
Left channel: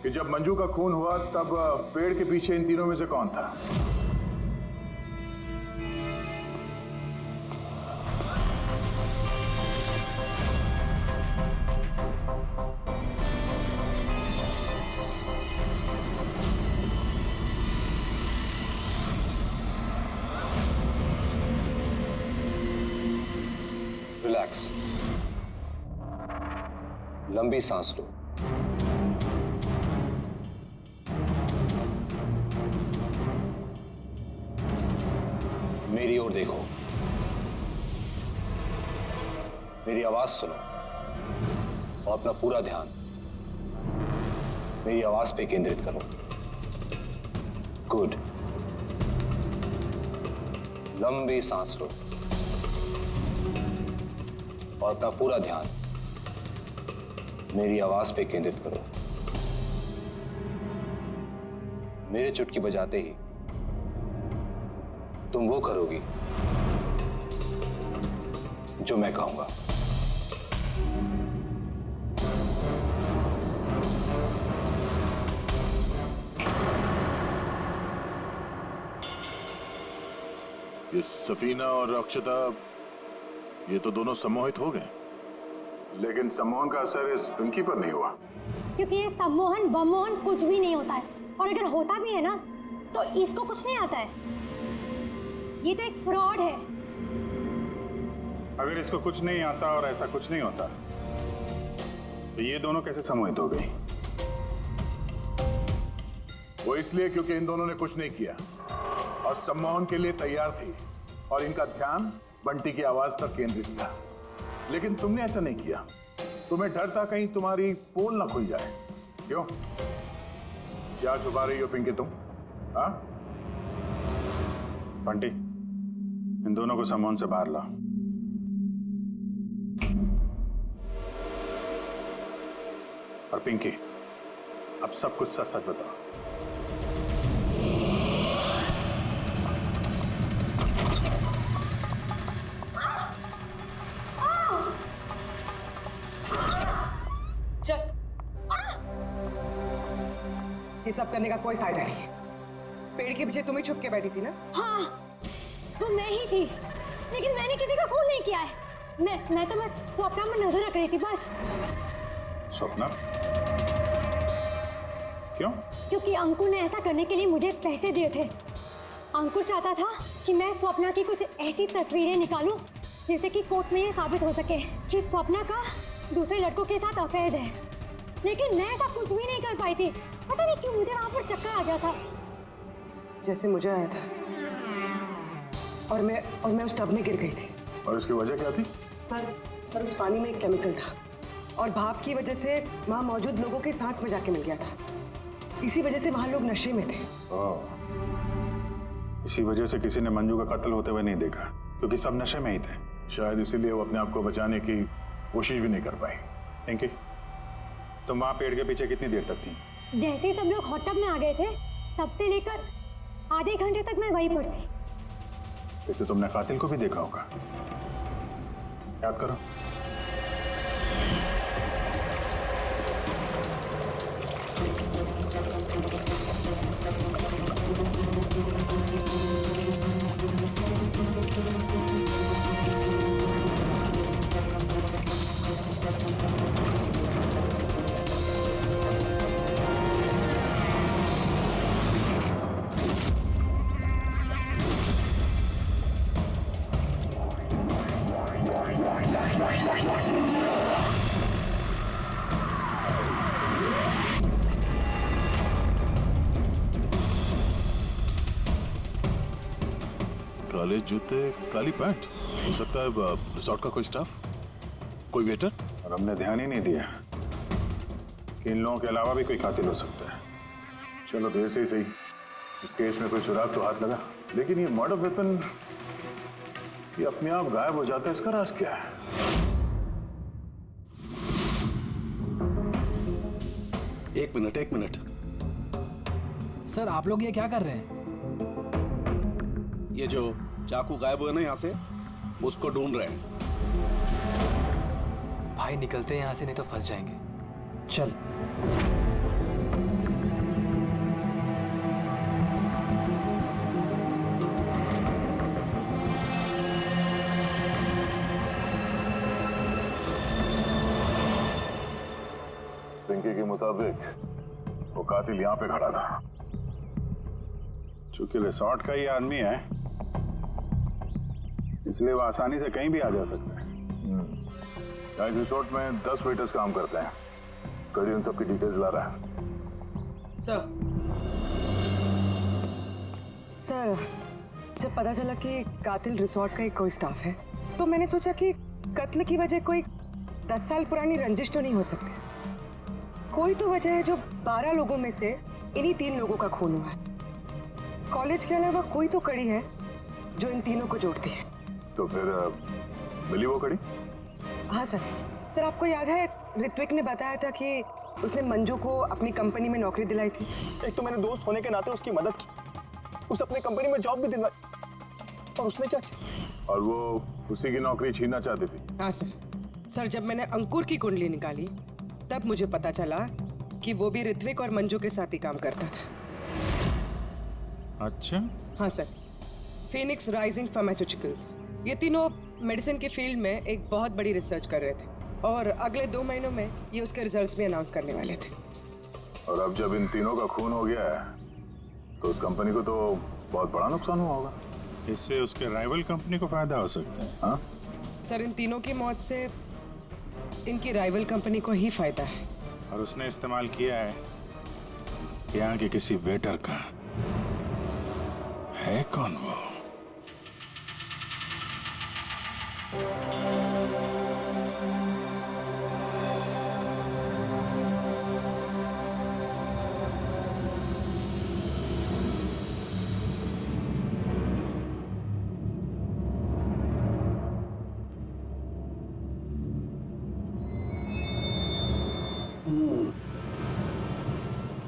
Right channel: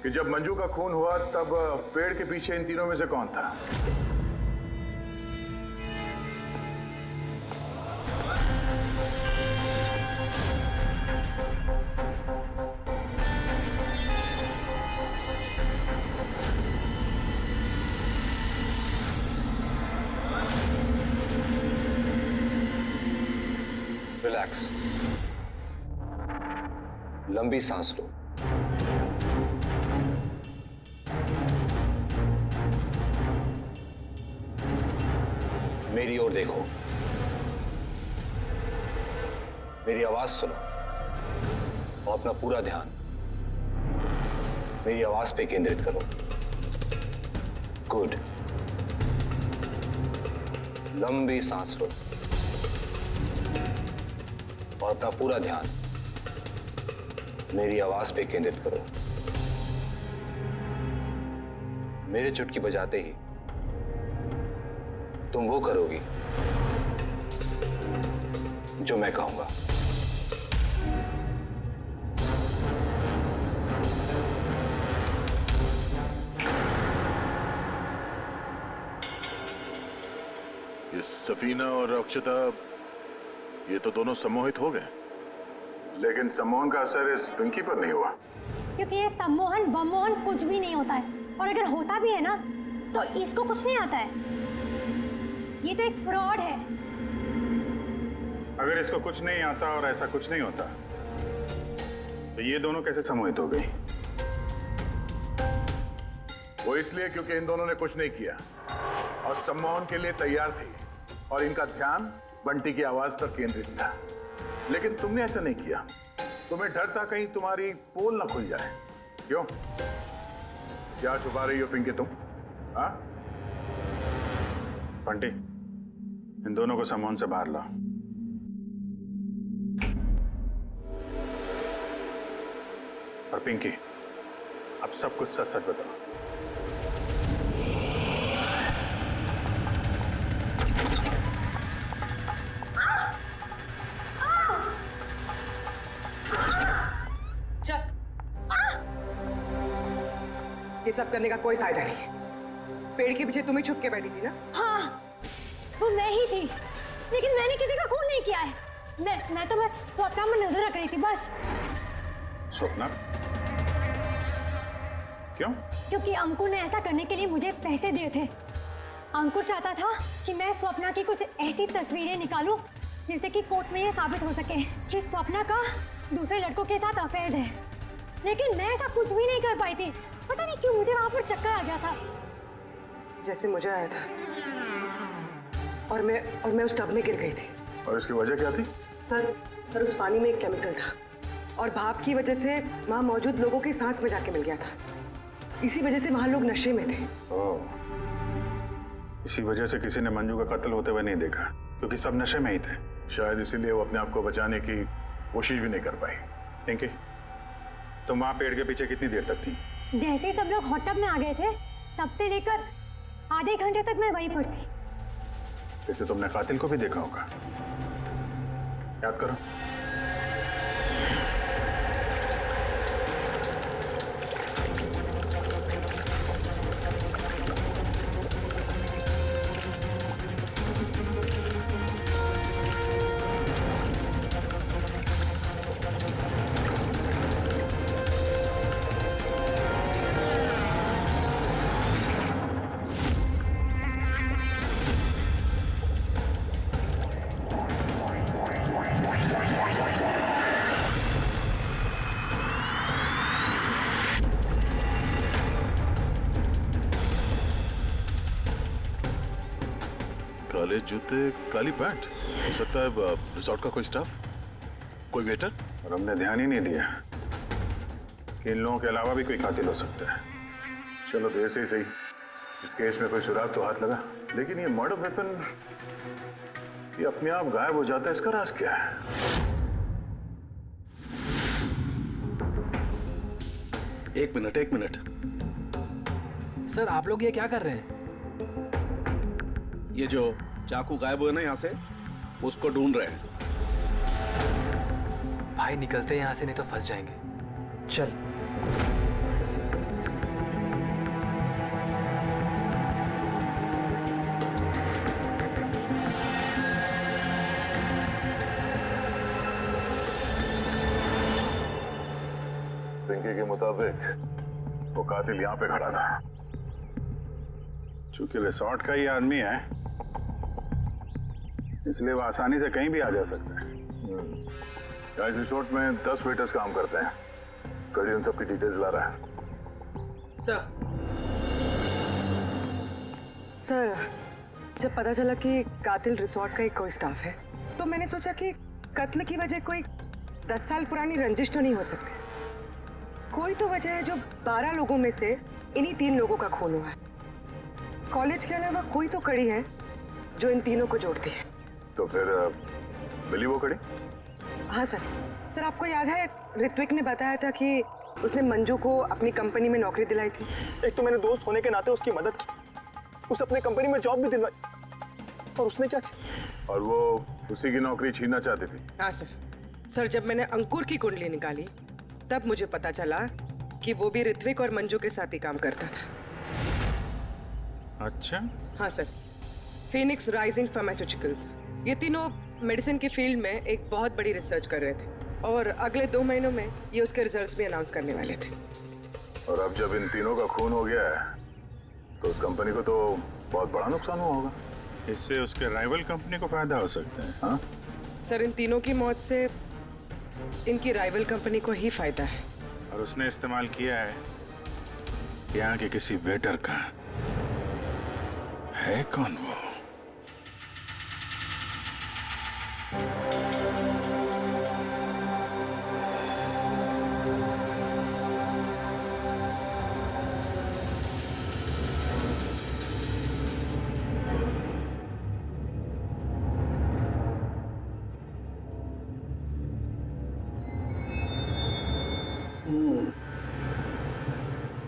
कि जब मंजू का खून हुआ तब पेड़ के पीछे इन तीनों में से कौन था। रिलैक्स, लंबी सांस लो। मेरी ओर देखो, मेरी आवाज सुनो और अपना पूरा ध्यान मेरी आवाज पे केंद्रित करो। गुड। लंबी सांस लो और अपना पूरा ध्यान मेरी आवाज पे केंद्रित करो। मेरे चुटकी बजाते ही तुम वो करोगी जो मैं कहूंगा। ये सफीना और अक्षता, ये तो दोनों सम्मोहित हो गए, लेकिन सम्मोहन का असर इस पिंकी पर नहीं हुआ। क्योंकि ये सम्मोहन बमोहन कुछ भी नहीं होता है, और अगर होता भी है ना तो इसको कुछ नहीं आता है। ये तो एक फ्रॉड है। अगर इसको कुछ नहीं आता और ऐसा कुछ नहीं होता तो ये दोनों कैसे सम्मोहित हो गई? वो इसलिए क्योंकि इन दोनों ने कुछ नहीं किया और सम्मोहन के लिए तैयार थी और इनका ध्यान बंटी की आवाज पर केंद्रित था। लेकिन तुमने ऐसा नहीं किया। तुम्हें डर था कहीं तुम्हारी पोल ना खुल जाए। क्यों? क्या छुपा रही हो पिंकी तुम? हाँ बंटी, इन दोनों को सम्मोहन से बाहर लाओ। और पिंकी, अब सब कुछ सच सच बताओ। चल, ये सब करने का कोई फायदा नहीं है। पेड़ के पीछे तुम ही छुप के बैठी थी ना? हाँ वो मैं ही थी, लेकिन मैंने किसी का खून नहीं किया है। मैं तो बस स्वप्ना में नजर रख रही थी बस। स्वप्ना? क्यों? क्योंकि अंकुर ने ऐसा करने के लिए मुझे पैसे दिए थे। अंकुर चाहता था कि मैं स्वप्ना की कुछ ऐसी तस्वीरें निकालूं जिससे कि कोर्ट में ये साबित हो सके कि स्वप्ना का दूसरे लड़कों के साथ अफेयर है। लेकिन मैं ऐसा कुछ भी नहीं कर पाई थी। पता नहीं क्यों मुझे वहां पर चक्कर आ गया था, जैसे मुझे आया था। और मैं उस टब में गिर गई थी। और इसकी वजह क्या थी? सर उस पानी में एक केमिकल था और भाप की वजह से वहां मौजूद लोगों की सांस में जाके मिल गया था। इसी वजह से वहां लोग नशे में थे। इसी वजह से किसी ने मंजू का कत्ल होते हुए नहीं देखा, क्योंकि सब नशे में ही थे। शायद इसीलिए वो अपने आप को बचाने की कोशिश भी नहीं कर पाई। पिंकी, तुम वहां पेड़ के पीछे कितनी देर तक थी? जैसे ही सब लोग हॉट टब में आ गए थे तब से लेकर आधे घंटे तक मैं वहीं पर थी। फिर तो तुमने कातिल को भी देखा होगा। याद करो। काले जूते, काली पैंट। हो सकता है रिसोर्ट का कोई स्टाफ, कोई वेटर। और हमने ध्यान ही नहीं दिया कि इन लोगों के अलावा भी कोई कातिल हो सकता है। चलो देर से ही सही, इस केस में कोई सुराग तो हाथ लगा। लेकिन ये मर्डर वेपन ये अपने आप गायब हो जाता है, इसका राज क्या है? एक मिनट। सर आप लोग ये क्या कर रहे हैं? ये जो चाकू गायब हुआ ना यहाँ से, उसको ढूंढ रहे हैं। भाई निकलते हैं यहाँ से, नहीं तो फंस जाएंगे। चल। पिंकी के मुताबिक वो कातिल यहाँ पे खड़ा था। चूंकि रिसोर्ट का ही आदमी है, इसलिए वो आसानी से कहीं भी आ जा सकता है। इस रिसोर्ट में 10 वेटर्स काम करते हैं। कड़ी उन सब की डिटेल्स ला रहा है। सर जब पता चला कि कातिल रिसोर्ट का ही कोई स्टाफ है, तो मैंने सोचा कि कत्ल की वजह कोई 10 साल पुरानी रंजिश तो नहीं हो सकती। कोई तो वजह है जो 12 लोगों में से इन्हीं 3 लोगों का खून हुआ है। कॉलेज के अलावा कोई तो कड़ी है जो इन तीनों को जोड़ती है। तो फिर मिली वो कड़ी? हाँ सर आपको याद है ऋत्विक ने बताया था कि उसने मंजू को अपनी कंपनी में नौकरी दिलाई थी। एक तो मैंने दोस्त होने के नाते उसकी मदद की, उसे अपने कंपनी में जॉब भी दिलवाई, और उसने क्या किया? और वो उसी की नौकरी छीनना चाहती थी। हाँ सर जब मैंने अंकुर की कुंडली निकाली तब मुझे पता चला कि वो भी ऋत्विक और मंजू के साथ ही काम करता था। अच्छा। हाँ सर, फिनिक्स राइजिंग फार्मास्यूटिकल्स, ये तीनों मेडिसिन की फील्ड में एक बहुत बड़ी रिसर्च कर रहे थे और अगले 2 महीनों में ये उसके रिजल्ट्स भी अनाउंस करने वाले थे। और अब जब इन तीनों का खून हो गया है तो उस कंपनी को तो बहुत बड़ा नुकसान हुआ होगा। इससे उसके राइवल कंपनी को फायदा हो सकता है। हाँ सर इन तीनों की मौत से इनकी राइवल कंपनी को ही फायदा है। और उसने इस्तेमाल किया है यहाँ के किसी वेटर का। है कौन वो?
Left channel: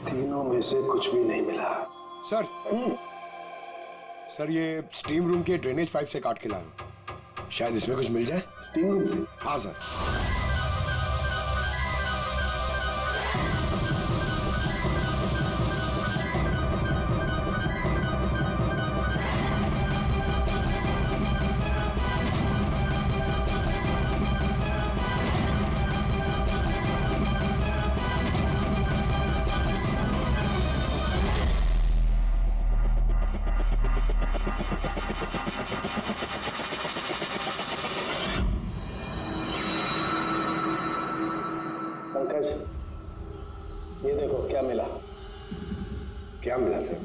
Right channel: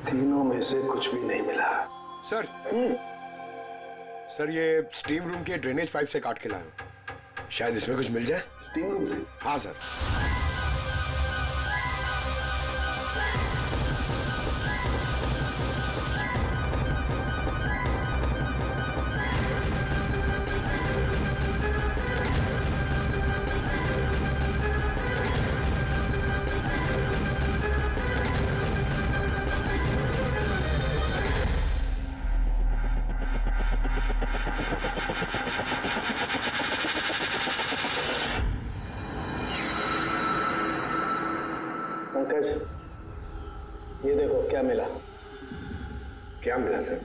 तीनों में से कुछ भी नहीं मिला। सर ये स्टीम रूम के ड्रेनेज पाइप से काट के लाया हूं। शायद इसमें कुछ मिल जाए। स्टीम रूम से? हाँ सर। पंकज, ये देखो क्या मिला। क्या मिला सर?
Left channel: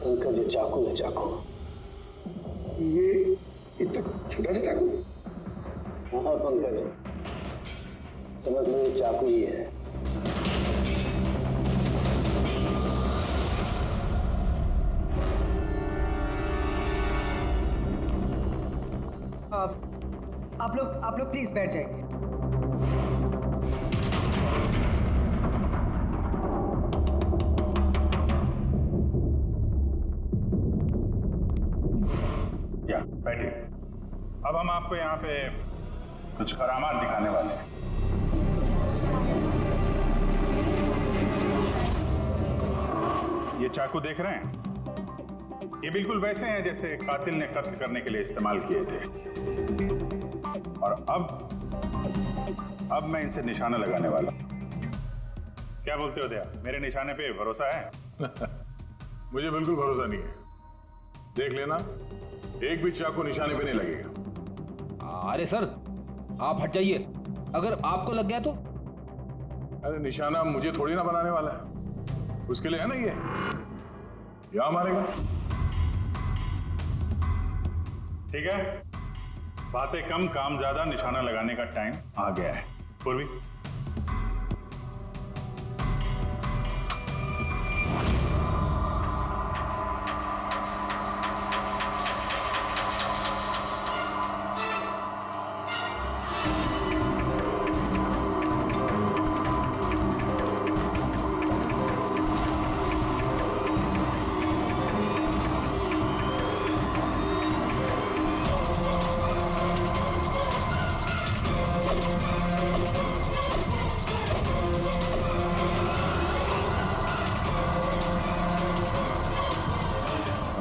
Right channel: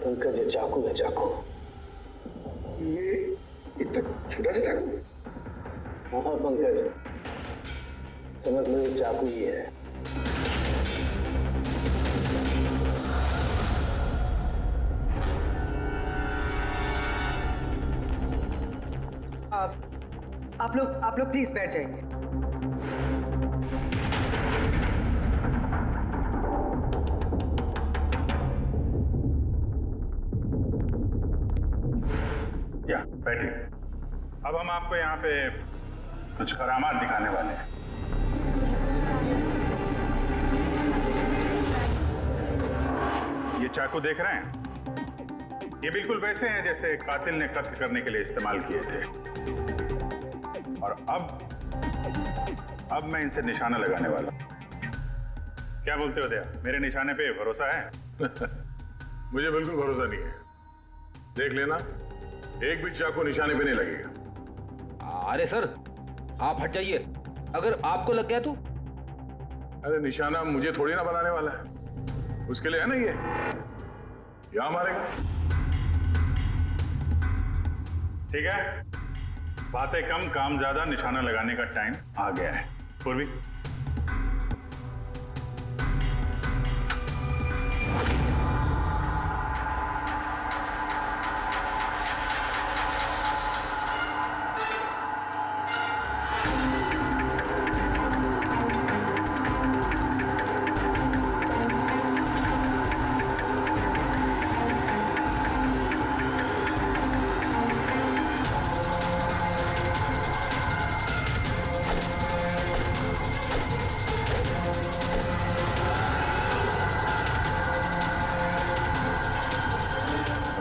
पंकज, ये चाकू है, चाकू। ये इतना छोटा सा चाकू? हाँ पंकज, समझ लो ये चाकू ही है। आप लोग प्लीज बैठ जाइए। या बैठिए। अब हम आपको यहाँ पे कुछ करामात दिखाने वाले हैं। ये चाकू देख रहे हैं? ये बिल्कुल वैसे हैं जैसे कातिल ने कत्ल करने के लिए इस्तेमाल किए थे। और अब मैं इनसे निशाना लगाने वाला हूं। क्या बोलते हो दया, मेरे निशाने पे भरोसा है? मुझे बिल्कुल भरोसा नहीं है। देख लेना, एक भी चाकू निशाने पे नहीं लगेगा। अरे सर, आप हट जाइए, अगर आपको लग गया तो? अरे निशाना मुझे थोड़ी ना बनाने वाला है, उसके लिए है ना ये, यहां मारेगा। ठीक है, बातें कम काम ज्यादा, निशाना लगाने का टाइम आ गया है। पूर्वी,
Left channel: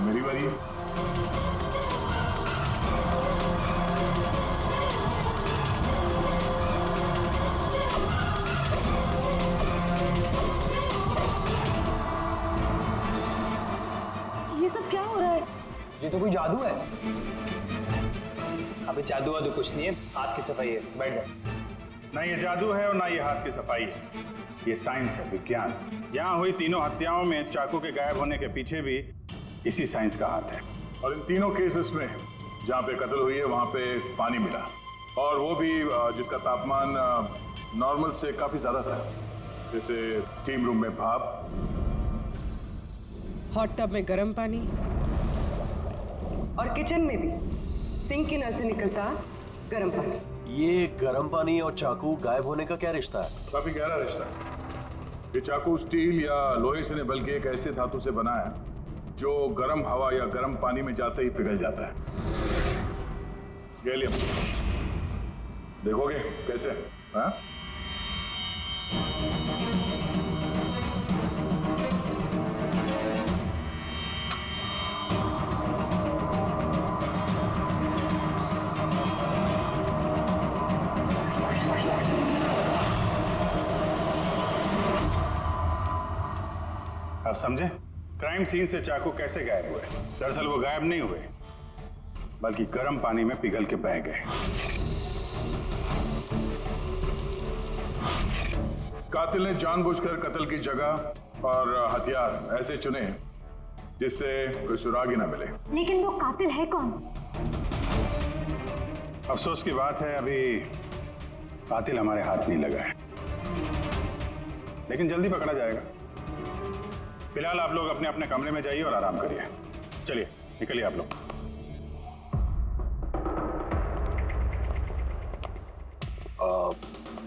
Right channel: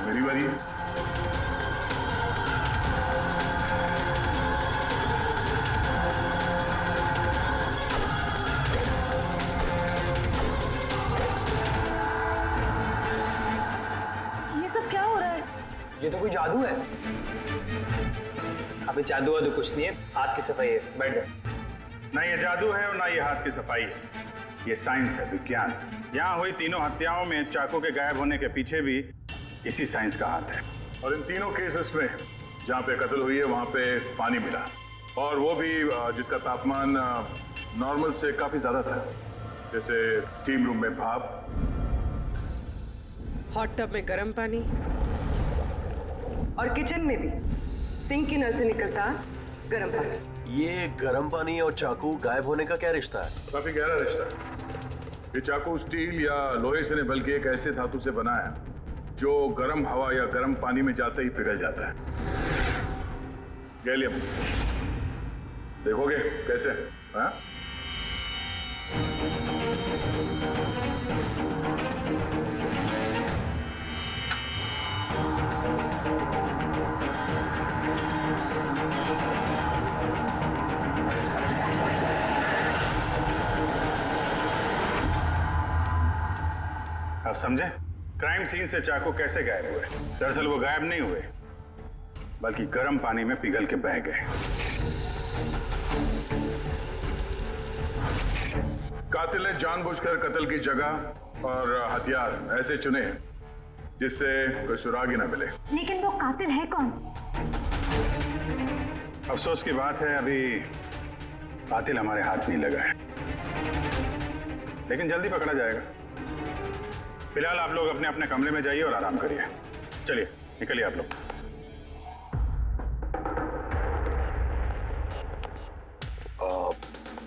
मेरी बारी है। ये सब क्या हो रहा है? ये तो कोई जादू है। अबे जादू वादू कुछ नहीं है, हाथ की सफाई है। बैठ जाओ। ना ये जादू है और ना ये हाथ की सफाई है, ये साइंस है, विज्ञान। यहाँ हुई तीनों हत्याओं में चाकू के गायब होने के पीछे भी इसी साइंस का हाथ है। और इन तीनों केसेस में जहां पे कत्ल हुई है वहां पे पानी मिला, और वो भी जिसका तापमान नॉर्मल से काफी ज्यादा था, जैसे स्टीम रूम में भाप, हॉट टब में गर्म पानी, और किचन में भी सिंक के नल से निकलता गर्म पानी। ये गर्म पानी और चाकू गायब होने का क्या रिश्ता है? काफी गहरा रिश्ता है। ये चाकू स्टील या लोहे से नहीं बल्कि एक ऐसे धातु से बना है जो गर्म हवा या गर्म पानी में जाते ही पिघल जाता है। गैलियम। देखोगे कैसे? हाँ? आप समझे? क्राइम सीन से चाकू कैसे गायब हुए? दरअसल वो गायब नहीं हुए, बल्कि गर्म पानी में पिघल के बह गए। कातिल ने जानबूझकर कत्ल की जगह और हथियार ऐसे चुने जिससे कोई सुराग ही ना मिले। लेकिन वो कातिल है कौन? अफसोस की बात है, अभी कातिल हमारे हाथ नहीं लगा है, लेकिन जल्दी पकड़ा जाएगा। फिलहाल आप लोग अपने अपने कमरे में जाइए और आराम करिए। चलिए निकलिए आप लोग।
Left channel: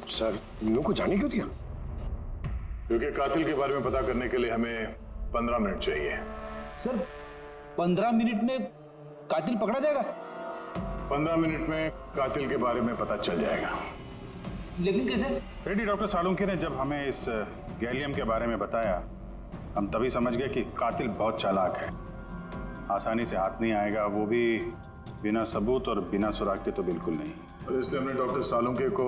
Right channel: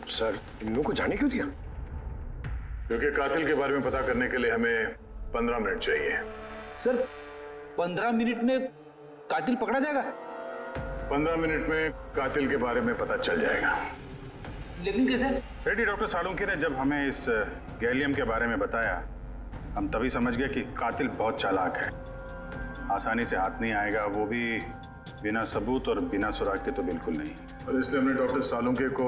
सर, इन लोगों को जाने क्यों दिया? क्योंकि कातिल के बारे में पता करने के लिए हमें 15 मिनट चाहिए। सर, 15 मिनट में कातिल पकड़ा जाएगा? 15 मिनट में कातिल के बारे में पता चल जाएगा। लेकिन कैसे? रेड्डी डॉक्टर सालुंके ने जब हमें इस गैलियम के बारे में बताया, हम तभी समझ गए कि कातिल बहुत चालाक है, आसानी से हाथ नहीं आएगा, वो भी बिना सबूत और बिना सुराग के तो बिल्कुल नहीं। और इसलिए हमने डॉक्टर सालुंके को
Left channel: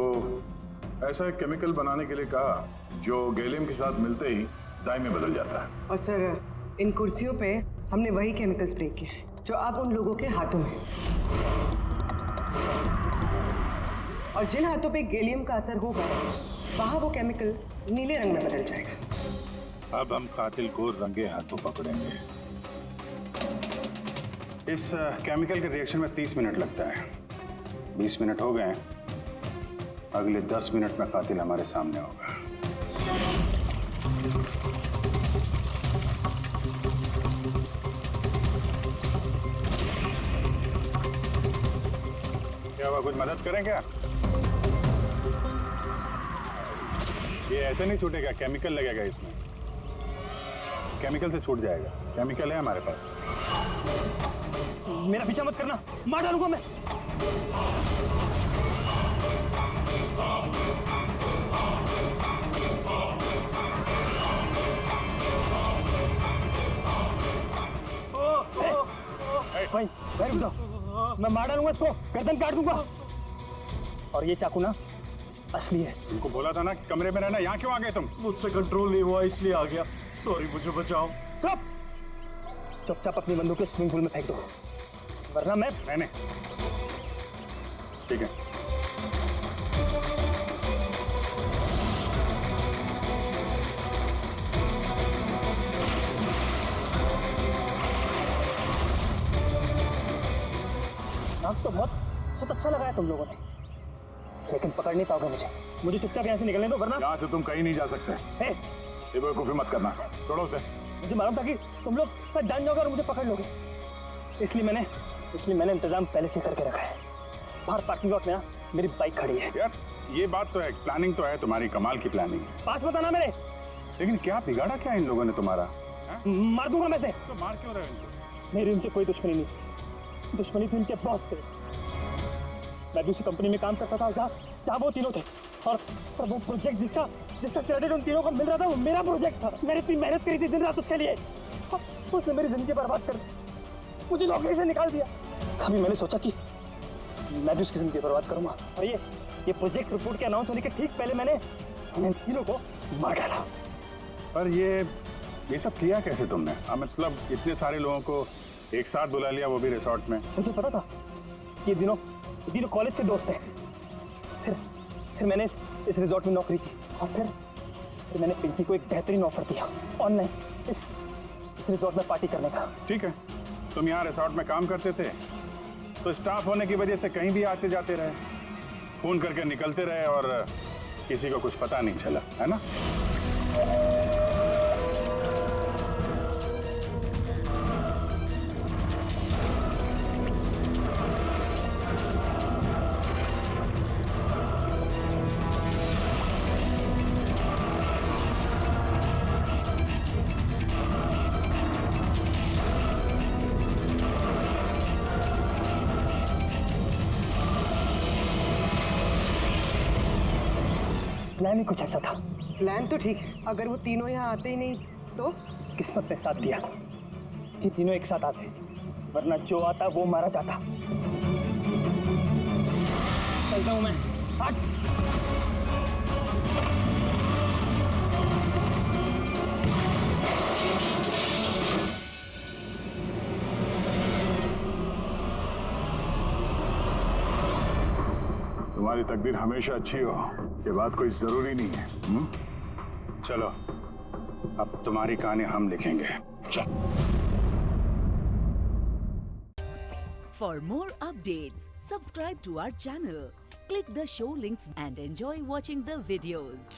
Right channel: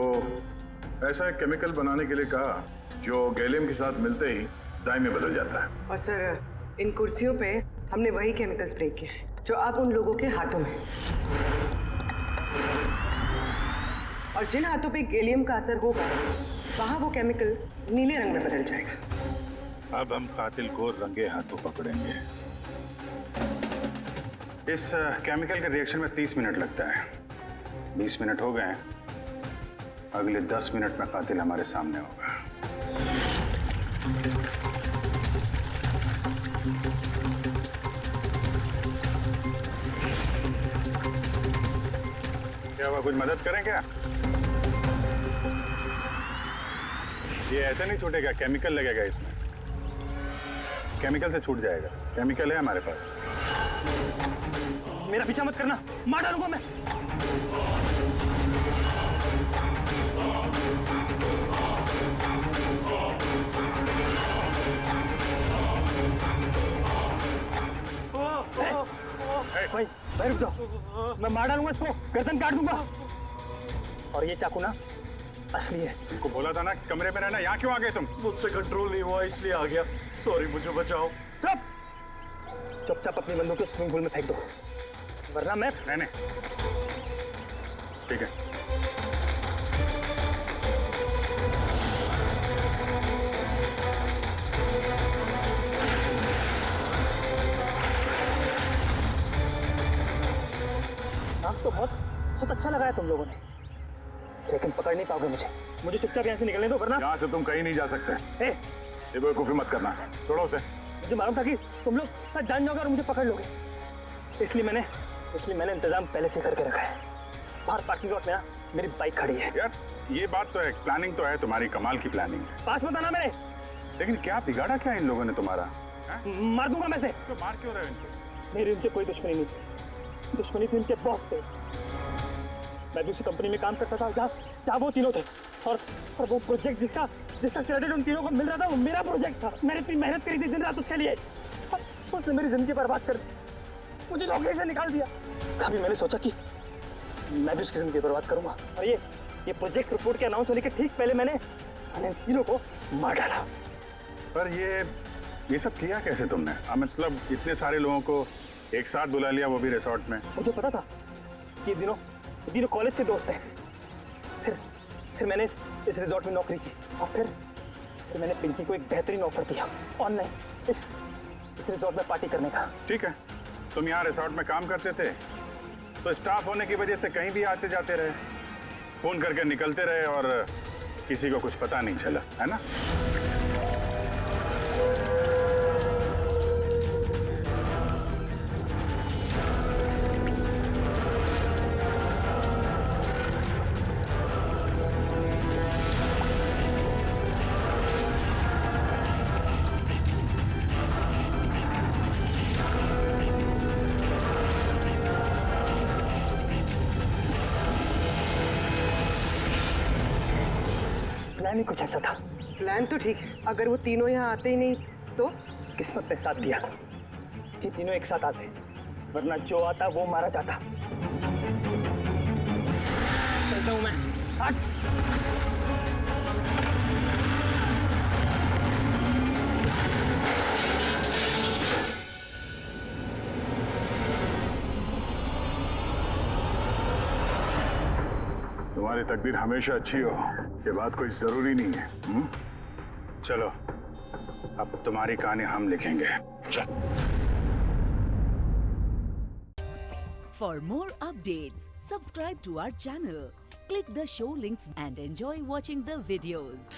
ऐसा एक केमिकल बनाने के लिए कहा जो गैलियम के साथ मिलते ही डाई में बदल जाता है। और सर, इन कुर्सियों पे हमने वही केमिकल स्प्रे किया है जो अब उन लोगों के हाथों में है। और जिन हाथों पे गैलियम का असर होगा वहां वो केमिकल नीले रंग में बदल जाएगा। अब हम कातिल को रंगे हाथों पकड़ेंगे। इस केमिकल के रिएक्शन में 30 मिनट लगता है। 20 मिनट हो गए हैं, अगले 10 मिनट में कातिल हमारे सामने होगा। क्या हुआ, कुछ मदद करें क्या? ये ऐसे नहीं छूटेगा, केमिकल लगेगा इसमें। केमिकल से छूट जाएगा, केमिकल है हमारे पास। मेरा पीछा मत करना, मार डालूंगा मैं। भाई रुक जाओ, मैं मार डालूंगा इसको, गर्दन काट दूंगा। और ये चाकू ना असली है। तुमको बोला था ना कि कमरे में रहना, यहाँ क्यों आ गए तुम? मुझसे कंट्रोल नहीं हुआ इसलिए आ गया। सॉरी, मुझे बचाओ। चुप चुपचाप अपनी बंदूक स्विमिंग पूल में फेंक दो, वरना मैं। नहीं, ठीक है। नाक तो बहुत अच्छा लगाया तुम लोगों ने, लेकिन पकड़ नहीं पाओगे मुझे। मुझे चुपचाप यहाँ से निकलने दो, वरना। यहाँ से तुम कहीं नहीं जा सकते। ये बेवकूफी मत करना, छोड़ो उसे। मुझे मालूम था कि तुम लोग सब जान जाओगे और मुझे पकड़ लोगे, इसलिए मैंने इंतजाम पहले से करके रखा है। बाहर पार्किंग लॉट में ना मेरी बाइक खड़ी है। यार ये बात तो है, प्लानिंग तो है तुम्हारी, कमाल की प्लानिंग है। पास मत आना मेरे। लेकिन क्या बिगाड़ा क्या इन लोगों ने तुम्हारा? मार दूंगा मैं से। तो मार क्यों रहे हो इनको? मेरी उनसे कोई दुश्मनी नहीं थी, दुश्मनी थी उनके बॉस से। मैं भी उसी कंपनी में काम करता था जहाँ वो तीनों थे, और वो प्रोजेक्ट जिसका क्रेडिट उन तीनों को मिल रहा था, वो मेरा प्रोजेक्ट था। मैंने इतनी मेहनत करी थी दिन रात उसके लिए, उसने मेरी जिंदगी बर्बाद कर दी, मुझे नौकरी से निकाल दिया। कभी मैंने सोचा कि मैं भी उसकी जिंदगी बर्बाद करूंगा, और ये प्रोजेक्ट रिपोर्ट के अनाउंस होने के ठीक पहले मैंने इन तीनों को मार डाला। पर ये सब किया कैसे तुमने? मतलब इतने सारे लोगों को एक साथ बुला लिया, वो भी रिसोर्ट में। मुझे पता था कि ये तीनों कॉलेज से दोस्त हैं। फिर मैंने इस रिजॉर्ट में नौकरी की, और फिर मैंने पिंकी को एक बेहतरीन ऑफर दिया ऑनलाइन इस रिजॉर्ट में पार्टी करने का। ठीक है, तुम यहाँ रिसोर्ट में काम करते थे तो स्टाफ होने की वजह से कहीं भी आते जाते रहे, फोन करके निकलते रहे, और किसी को कुछ पता नहीं चला, है ना? प्लान ही कुछ ऐसा था। प्लान तो ठीक है, अगर वो तीनों यहाँ आते ही नहीं तो? किस्मत ने साथ दिया कि तीनों एक साथ आते, वरना जो आता वो मारा जाता। चलता हूं मैं। हट। तुम्हारी तकदीर हमेशा अच्छी हो, ये बात कोई जरूरी नहीं है। चलो अब तुम्हारी कहानी हम लिखेंगे। For more updates, subscribe to our channel, click the show links and enjoy watching the videos.